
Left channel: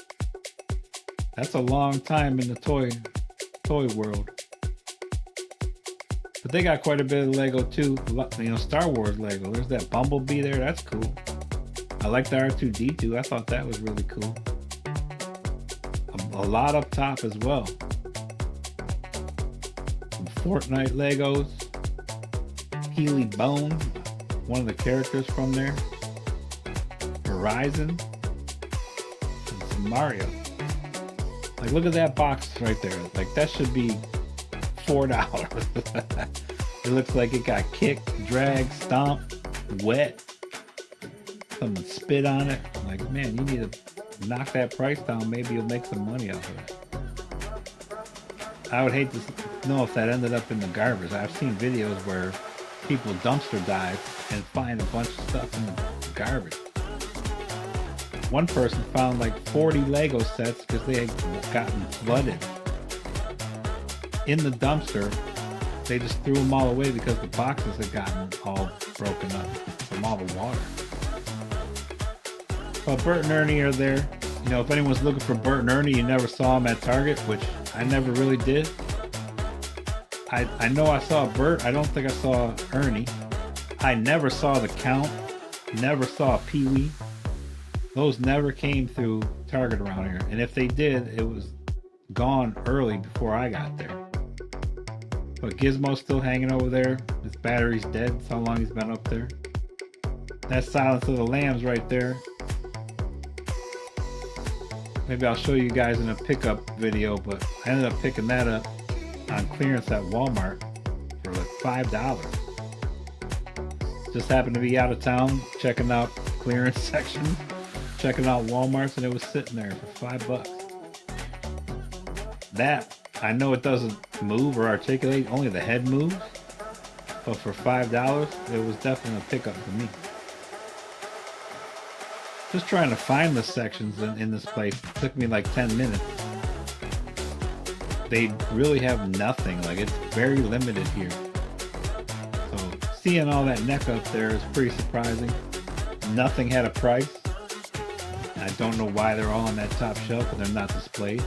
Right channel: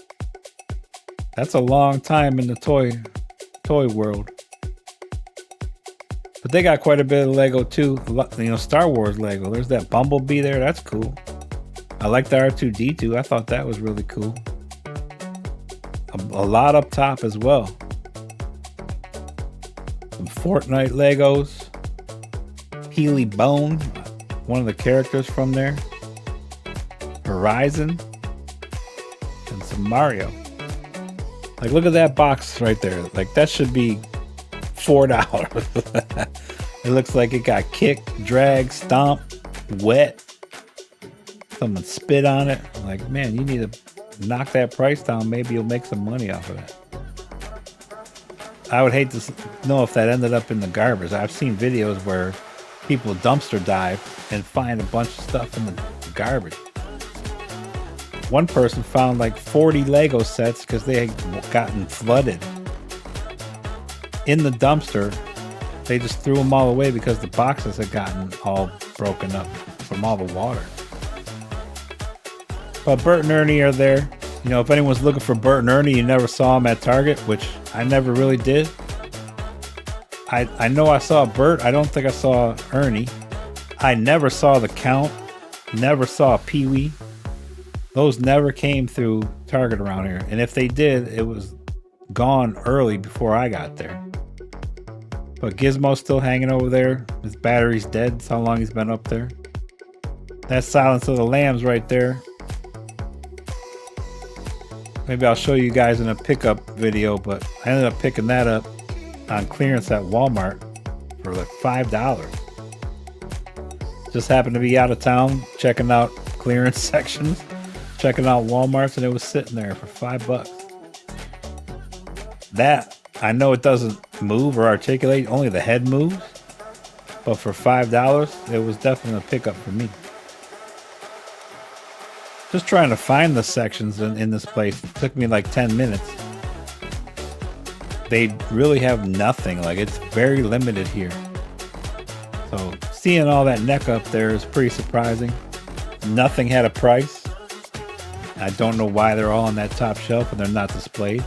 That's a long time in the toy world. But they got quite a bit of Lego too. You know, Star Wars Lego. There's that Bumblebee there. That's cool. I like the R2-D2. I thought that was really cool. A lot up top as well. Some Fortnite Legos. Healy Bone, one of the characters from there. Horizon. And some Mario. Like, look at that box right there. Like, that should be $4. It looks like it got kicked, dragged, stomped, wet. Someone spit on it. Like, man, you need to knock that price down. Maybe you'll make some money off of it. I would hate to know if that ended up in the garbage. I've seen videos where people dumpster dive and find a bunch of stuff in the garbage. One person found like 40 Lego sets because they had gotten flooded. In the dumpster, they just threw them all away because the boxes had gotten all broken up from all the water. But Bert and Ernie are there. You know, if anyone's looking for Bert and Ernie, you never saw them at Target, which I never really did. I know I saw Bert. I don't think I saw Ernie. I never saw the Count. Never saw Pee-wee. Those never came through Target around here. And if they did, it was gone early before I got there. But Gizmo's still hanging over there. His battery's dead. That's how long he's been up there. That's Silence of the Lambs right there. Maybe I'll show you guys in a pickup video, but I ended up picking that up on clearance at Walmart for like $5. Just happened to be out of town, checking out clearance sections, checking out Walmart's, and it was sitting there for $5. That, I know it doesn't move or articulate, only the head moves, but for $5, it was definitely a pickup for me. Just trying to find the sections in this place took me like 10 minutes. They really have nothing, like it's very limited here. So seeing all that neck up there is pretty surprising. Nothing had a price. I don't know why they're all on that top shelf and they're not displayed.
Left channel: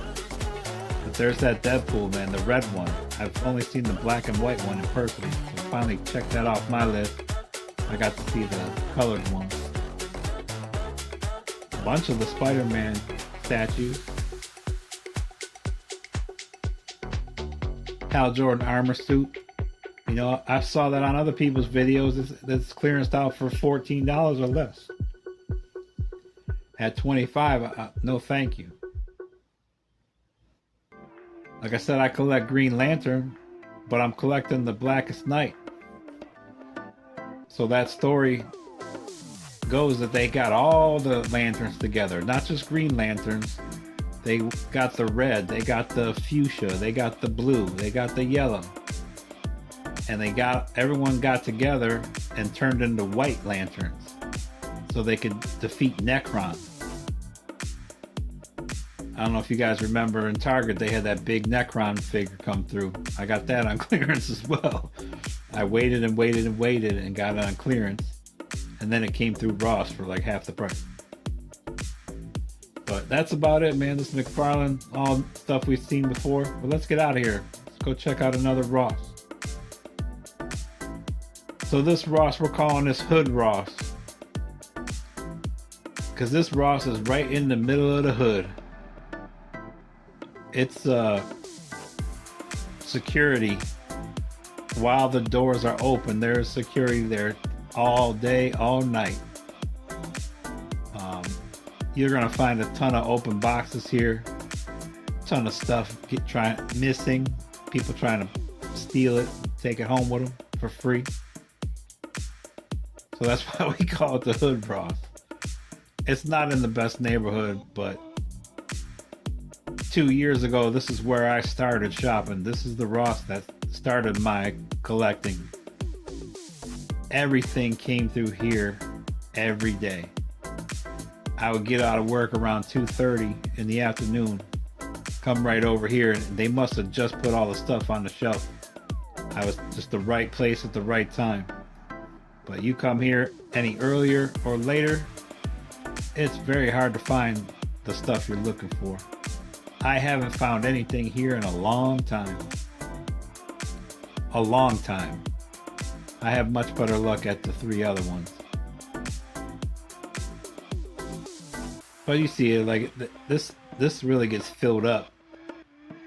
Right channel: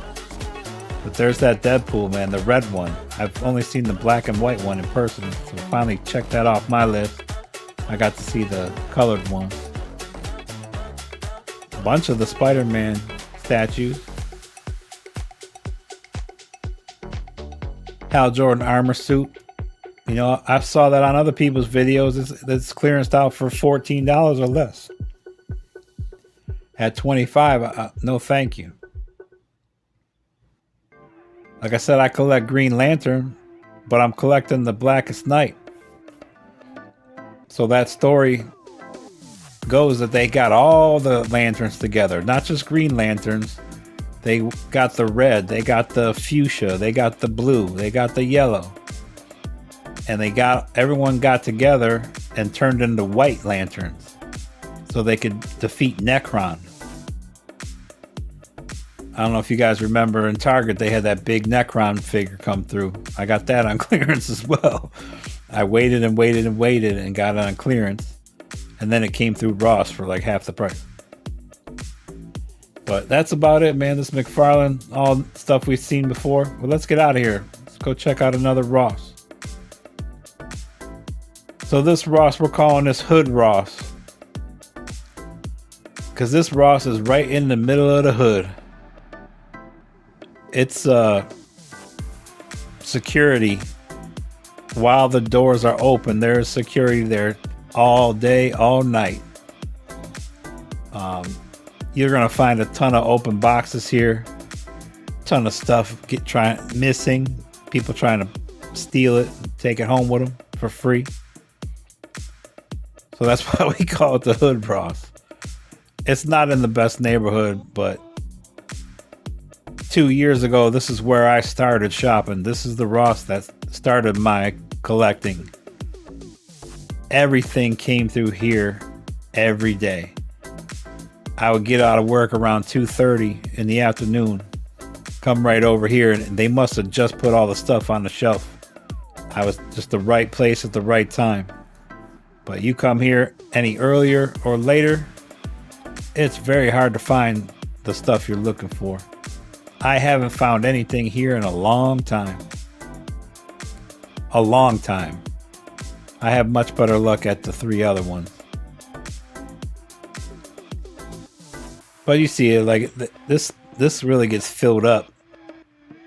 But there's that Deadpool, man, the red one. I've only seen the black and white one in person, so finally checked that off my list. I got to see the colored one. A bunch of the Spider-Man statues. Hal Jordan armor suit. You know, I saw that on other people's videos. It's clearanced out for $14 or less. At $25, no thank you. Like I said, I collect Green Lantern, but I'm collecting the Blackest Night. So that story goes that they got all the lanterns together, not just Green Lanterns. They got the red, they got the fuchsia, they got the blue, they got the yellow. And everyone got together and turned into white lanterns so they could defeat Necron. I don't know if you guys remember in Target, they had that big Necron figure come through. I got that on clearance as well. I waited and waited and waited and got it on clearance. And then it came through Ross for like half the price. But that's about it, man. This McFarlane, all stuff we've seen before. But let's get out of here. Let's go check out another Ross. So this Ross, we're calling this Hood Ross. Because this Ross is right in the middle of the hood. It's security. While the doors are open, there's security there all day, all night. You're gonna find a ton of open boxes here, ton of stuff missing, people trying to steal it, take it home with them for free. So that's why we call it the Hood Ross. It's not in the best neighborhood, but 2 years ago, this is where I started shopping. This is the Ross that started my collecting. Everything came through here every day. I would get out of work around 2:30 in the afternoon, come right over here, and they must have just put all the stuff on the shelf. I was just the right place at the right time. But you come here any earlier or later, it's very hard to find the stuff you're looking for. I haven't found anything here in a long time. A long time. I have much better luck at the 3 other ones. But you see it, like this really gets filled up.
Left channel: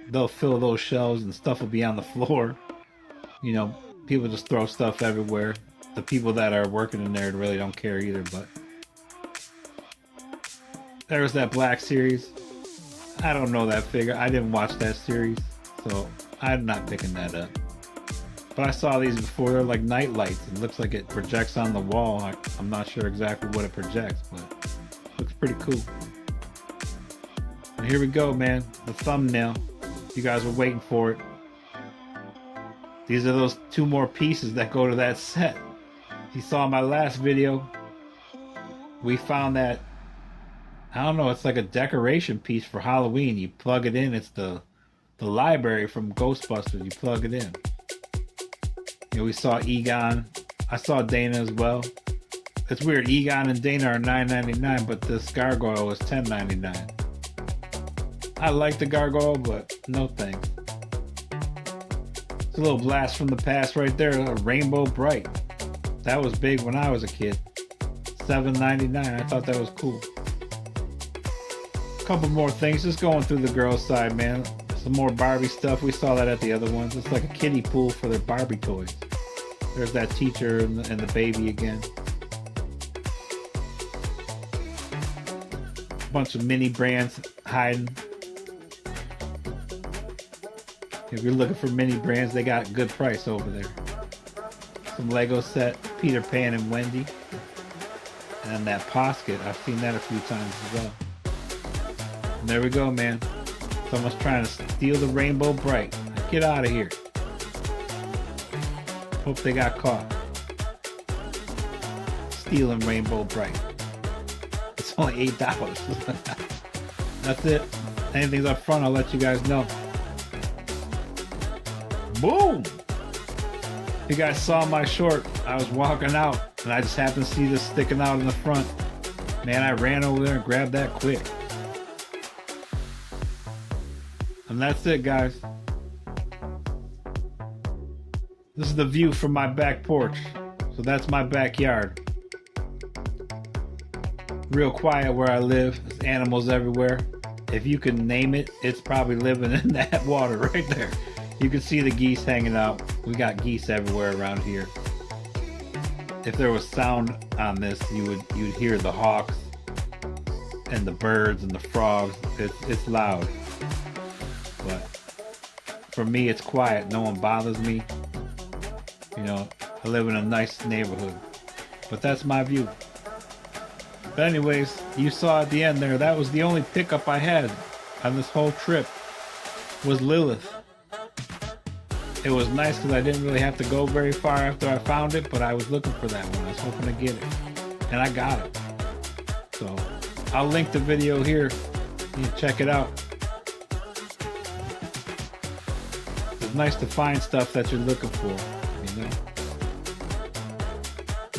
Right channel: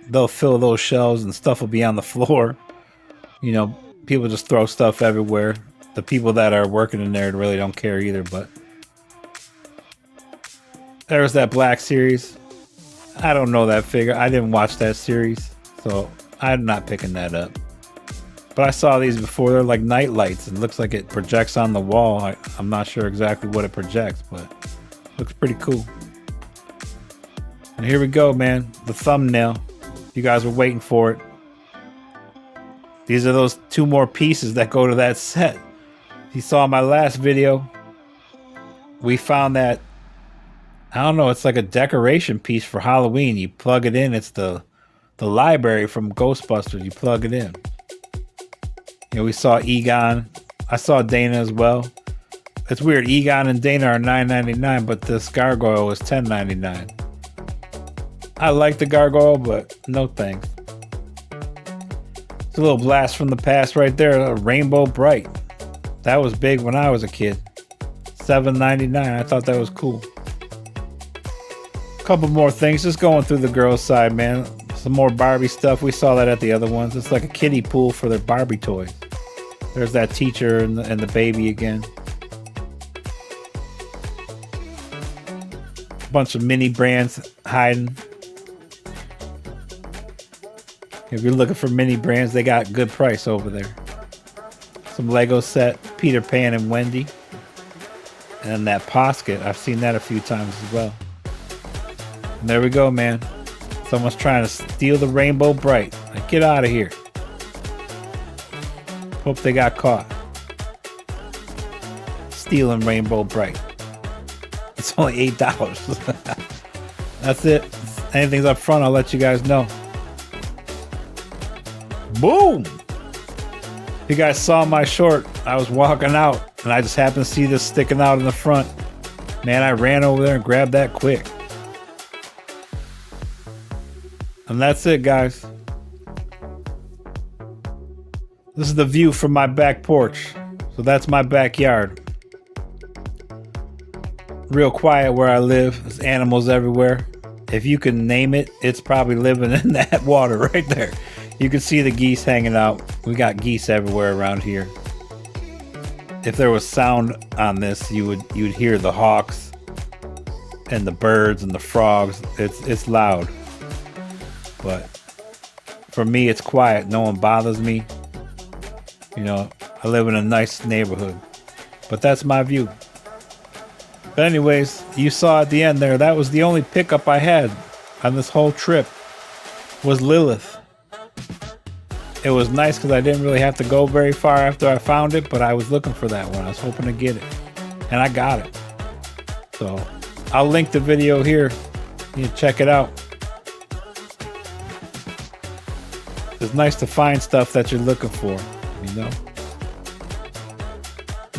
They'll fill those shelves and stuff will be on the floor. You know, people just throw stuff everywhere. The people that are working in there really don't care either, but there's that Black series. I don't know that figure. I didn't watch that series, so I'm not picking that up. But I saw these before. They're like night lights. It looks like it projects on the wall. I'm not sure exactly what it projects, but it looks pretty cool. And here we go, man. The thumbnail. You guys were waiting for it. These are those 2 more pieces that go to that set. If you saw my last video, we found that, I don't know, it's like a decoration piece for Halloween. You plug it in. It's the library from Ghostbusters. You plug it in. You know, we saw Egon. I saw Dana as well. It's weird. Egon and Dana are $9.99, but this gargoyle was $10.99. I like the gargoyle, but no thanks. It's a little blast from the past right there. A Rainbow Bright. That was big when I was a kid. $7.99. I thought that was cool. Couple more things. Just going through the girls' side, man. Some more Barbie stuff. We saw that at the other ones. It's like a kiddie pool for their Barbie toys. There's that teacher and the baby again. bunch of mini brands hiding. If you're looking for mini brands, they got good price over there. Some Lego set, Peter Pan and Wendy. And that Posket, I've seen that a few times as well. And there we go, man. Someone's trying to steal the Rainbow Bright. Like, get out of here. Hope they got caught. Stealing Rainbow Bright. It's only $8. That's it. Anything's up front, I'll let you guys know. Boom! You guys saw my short. I was walking out and I just happened to see this sticking out in the front. Man, I ran over there and grabbed that quick. And that's it, guys. This is the view from my back porch. So that's my backyard. Real quiet where I live. There's animals everywhere. If you can name it, it's probably living in that water right there. You can see the geese hanging out. We got geese everywhere around here. If there was sound on this, you'd hear the hawks and the birds and the frogs. It's loud. But for me, it's quiet. No one bothers me. You know, I live in a nice neighborhood. But that's my view. But anyways, you saw at the end there, that was the only pickup I had on this whole trip was Lilith. It was nice because I didn't really have to go very far after I found it, but I was looking for that one. I was hoping to get it. And I got it. So I'll link the video here. You can check it out. It's nice to find stuff that you're looking for, you know.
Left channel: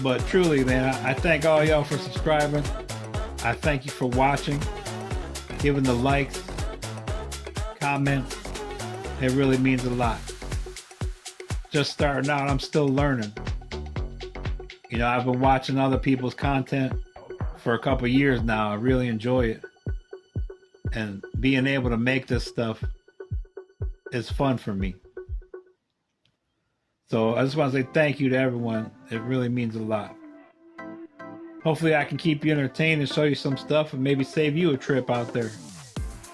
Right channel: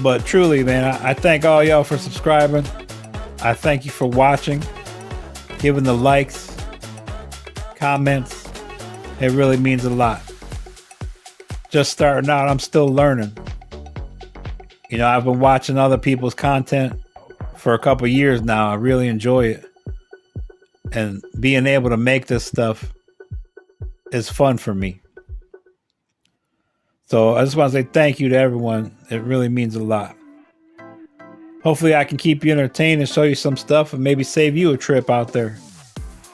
But truly, man, I thank all y'all for subscribing. I thank you for watching, giving the likes, comments. It really means a lot. Just starting out, I'm still learning. You know, I've been watching other people's content for a couple years now. I really enjoy it. And being able to make this stuff is fun for me. So I just want to say thank you to everyone. It really means a lot. Hopefully I can keep you entertained and show you some stuff and maybe save you a trip out there.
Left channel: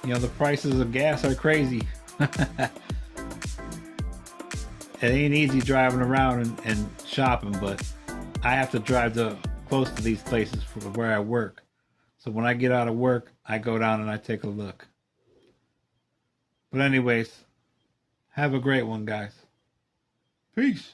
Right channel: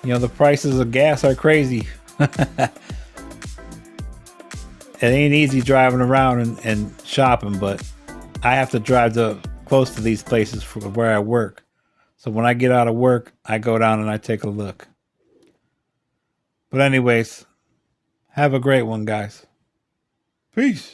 You know, the prices of gas are crazy. It ain't easy driving around and shopping, but I have to drive close to these places for where I work. So when I get out of work, I go down and I take a look. But anyways, have a great one, guys. Peace.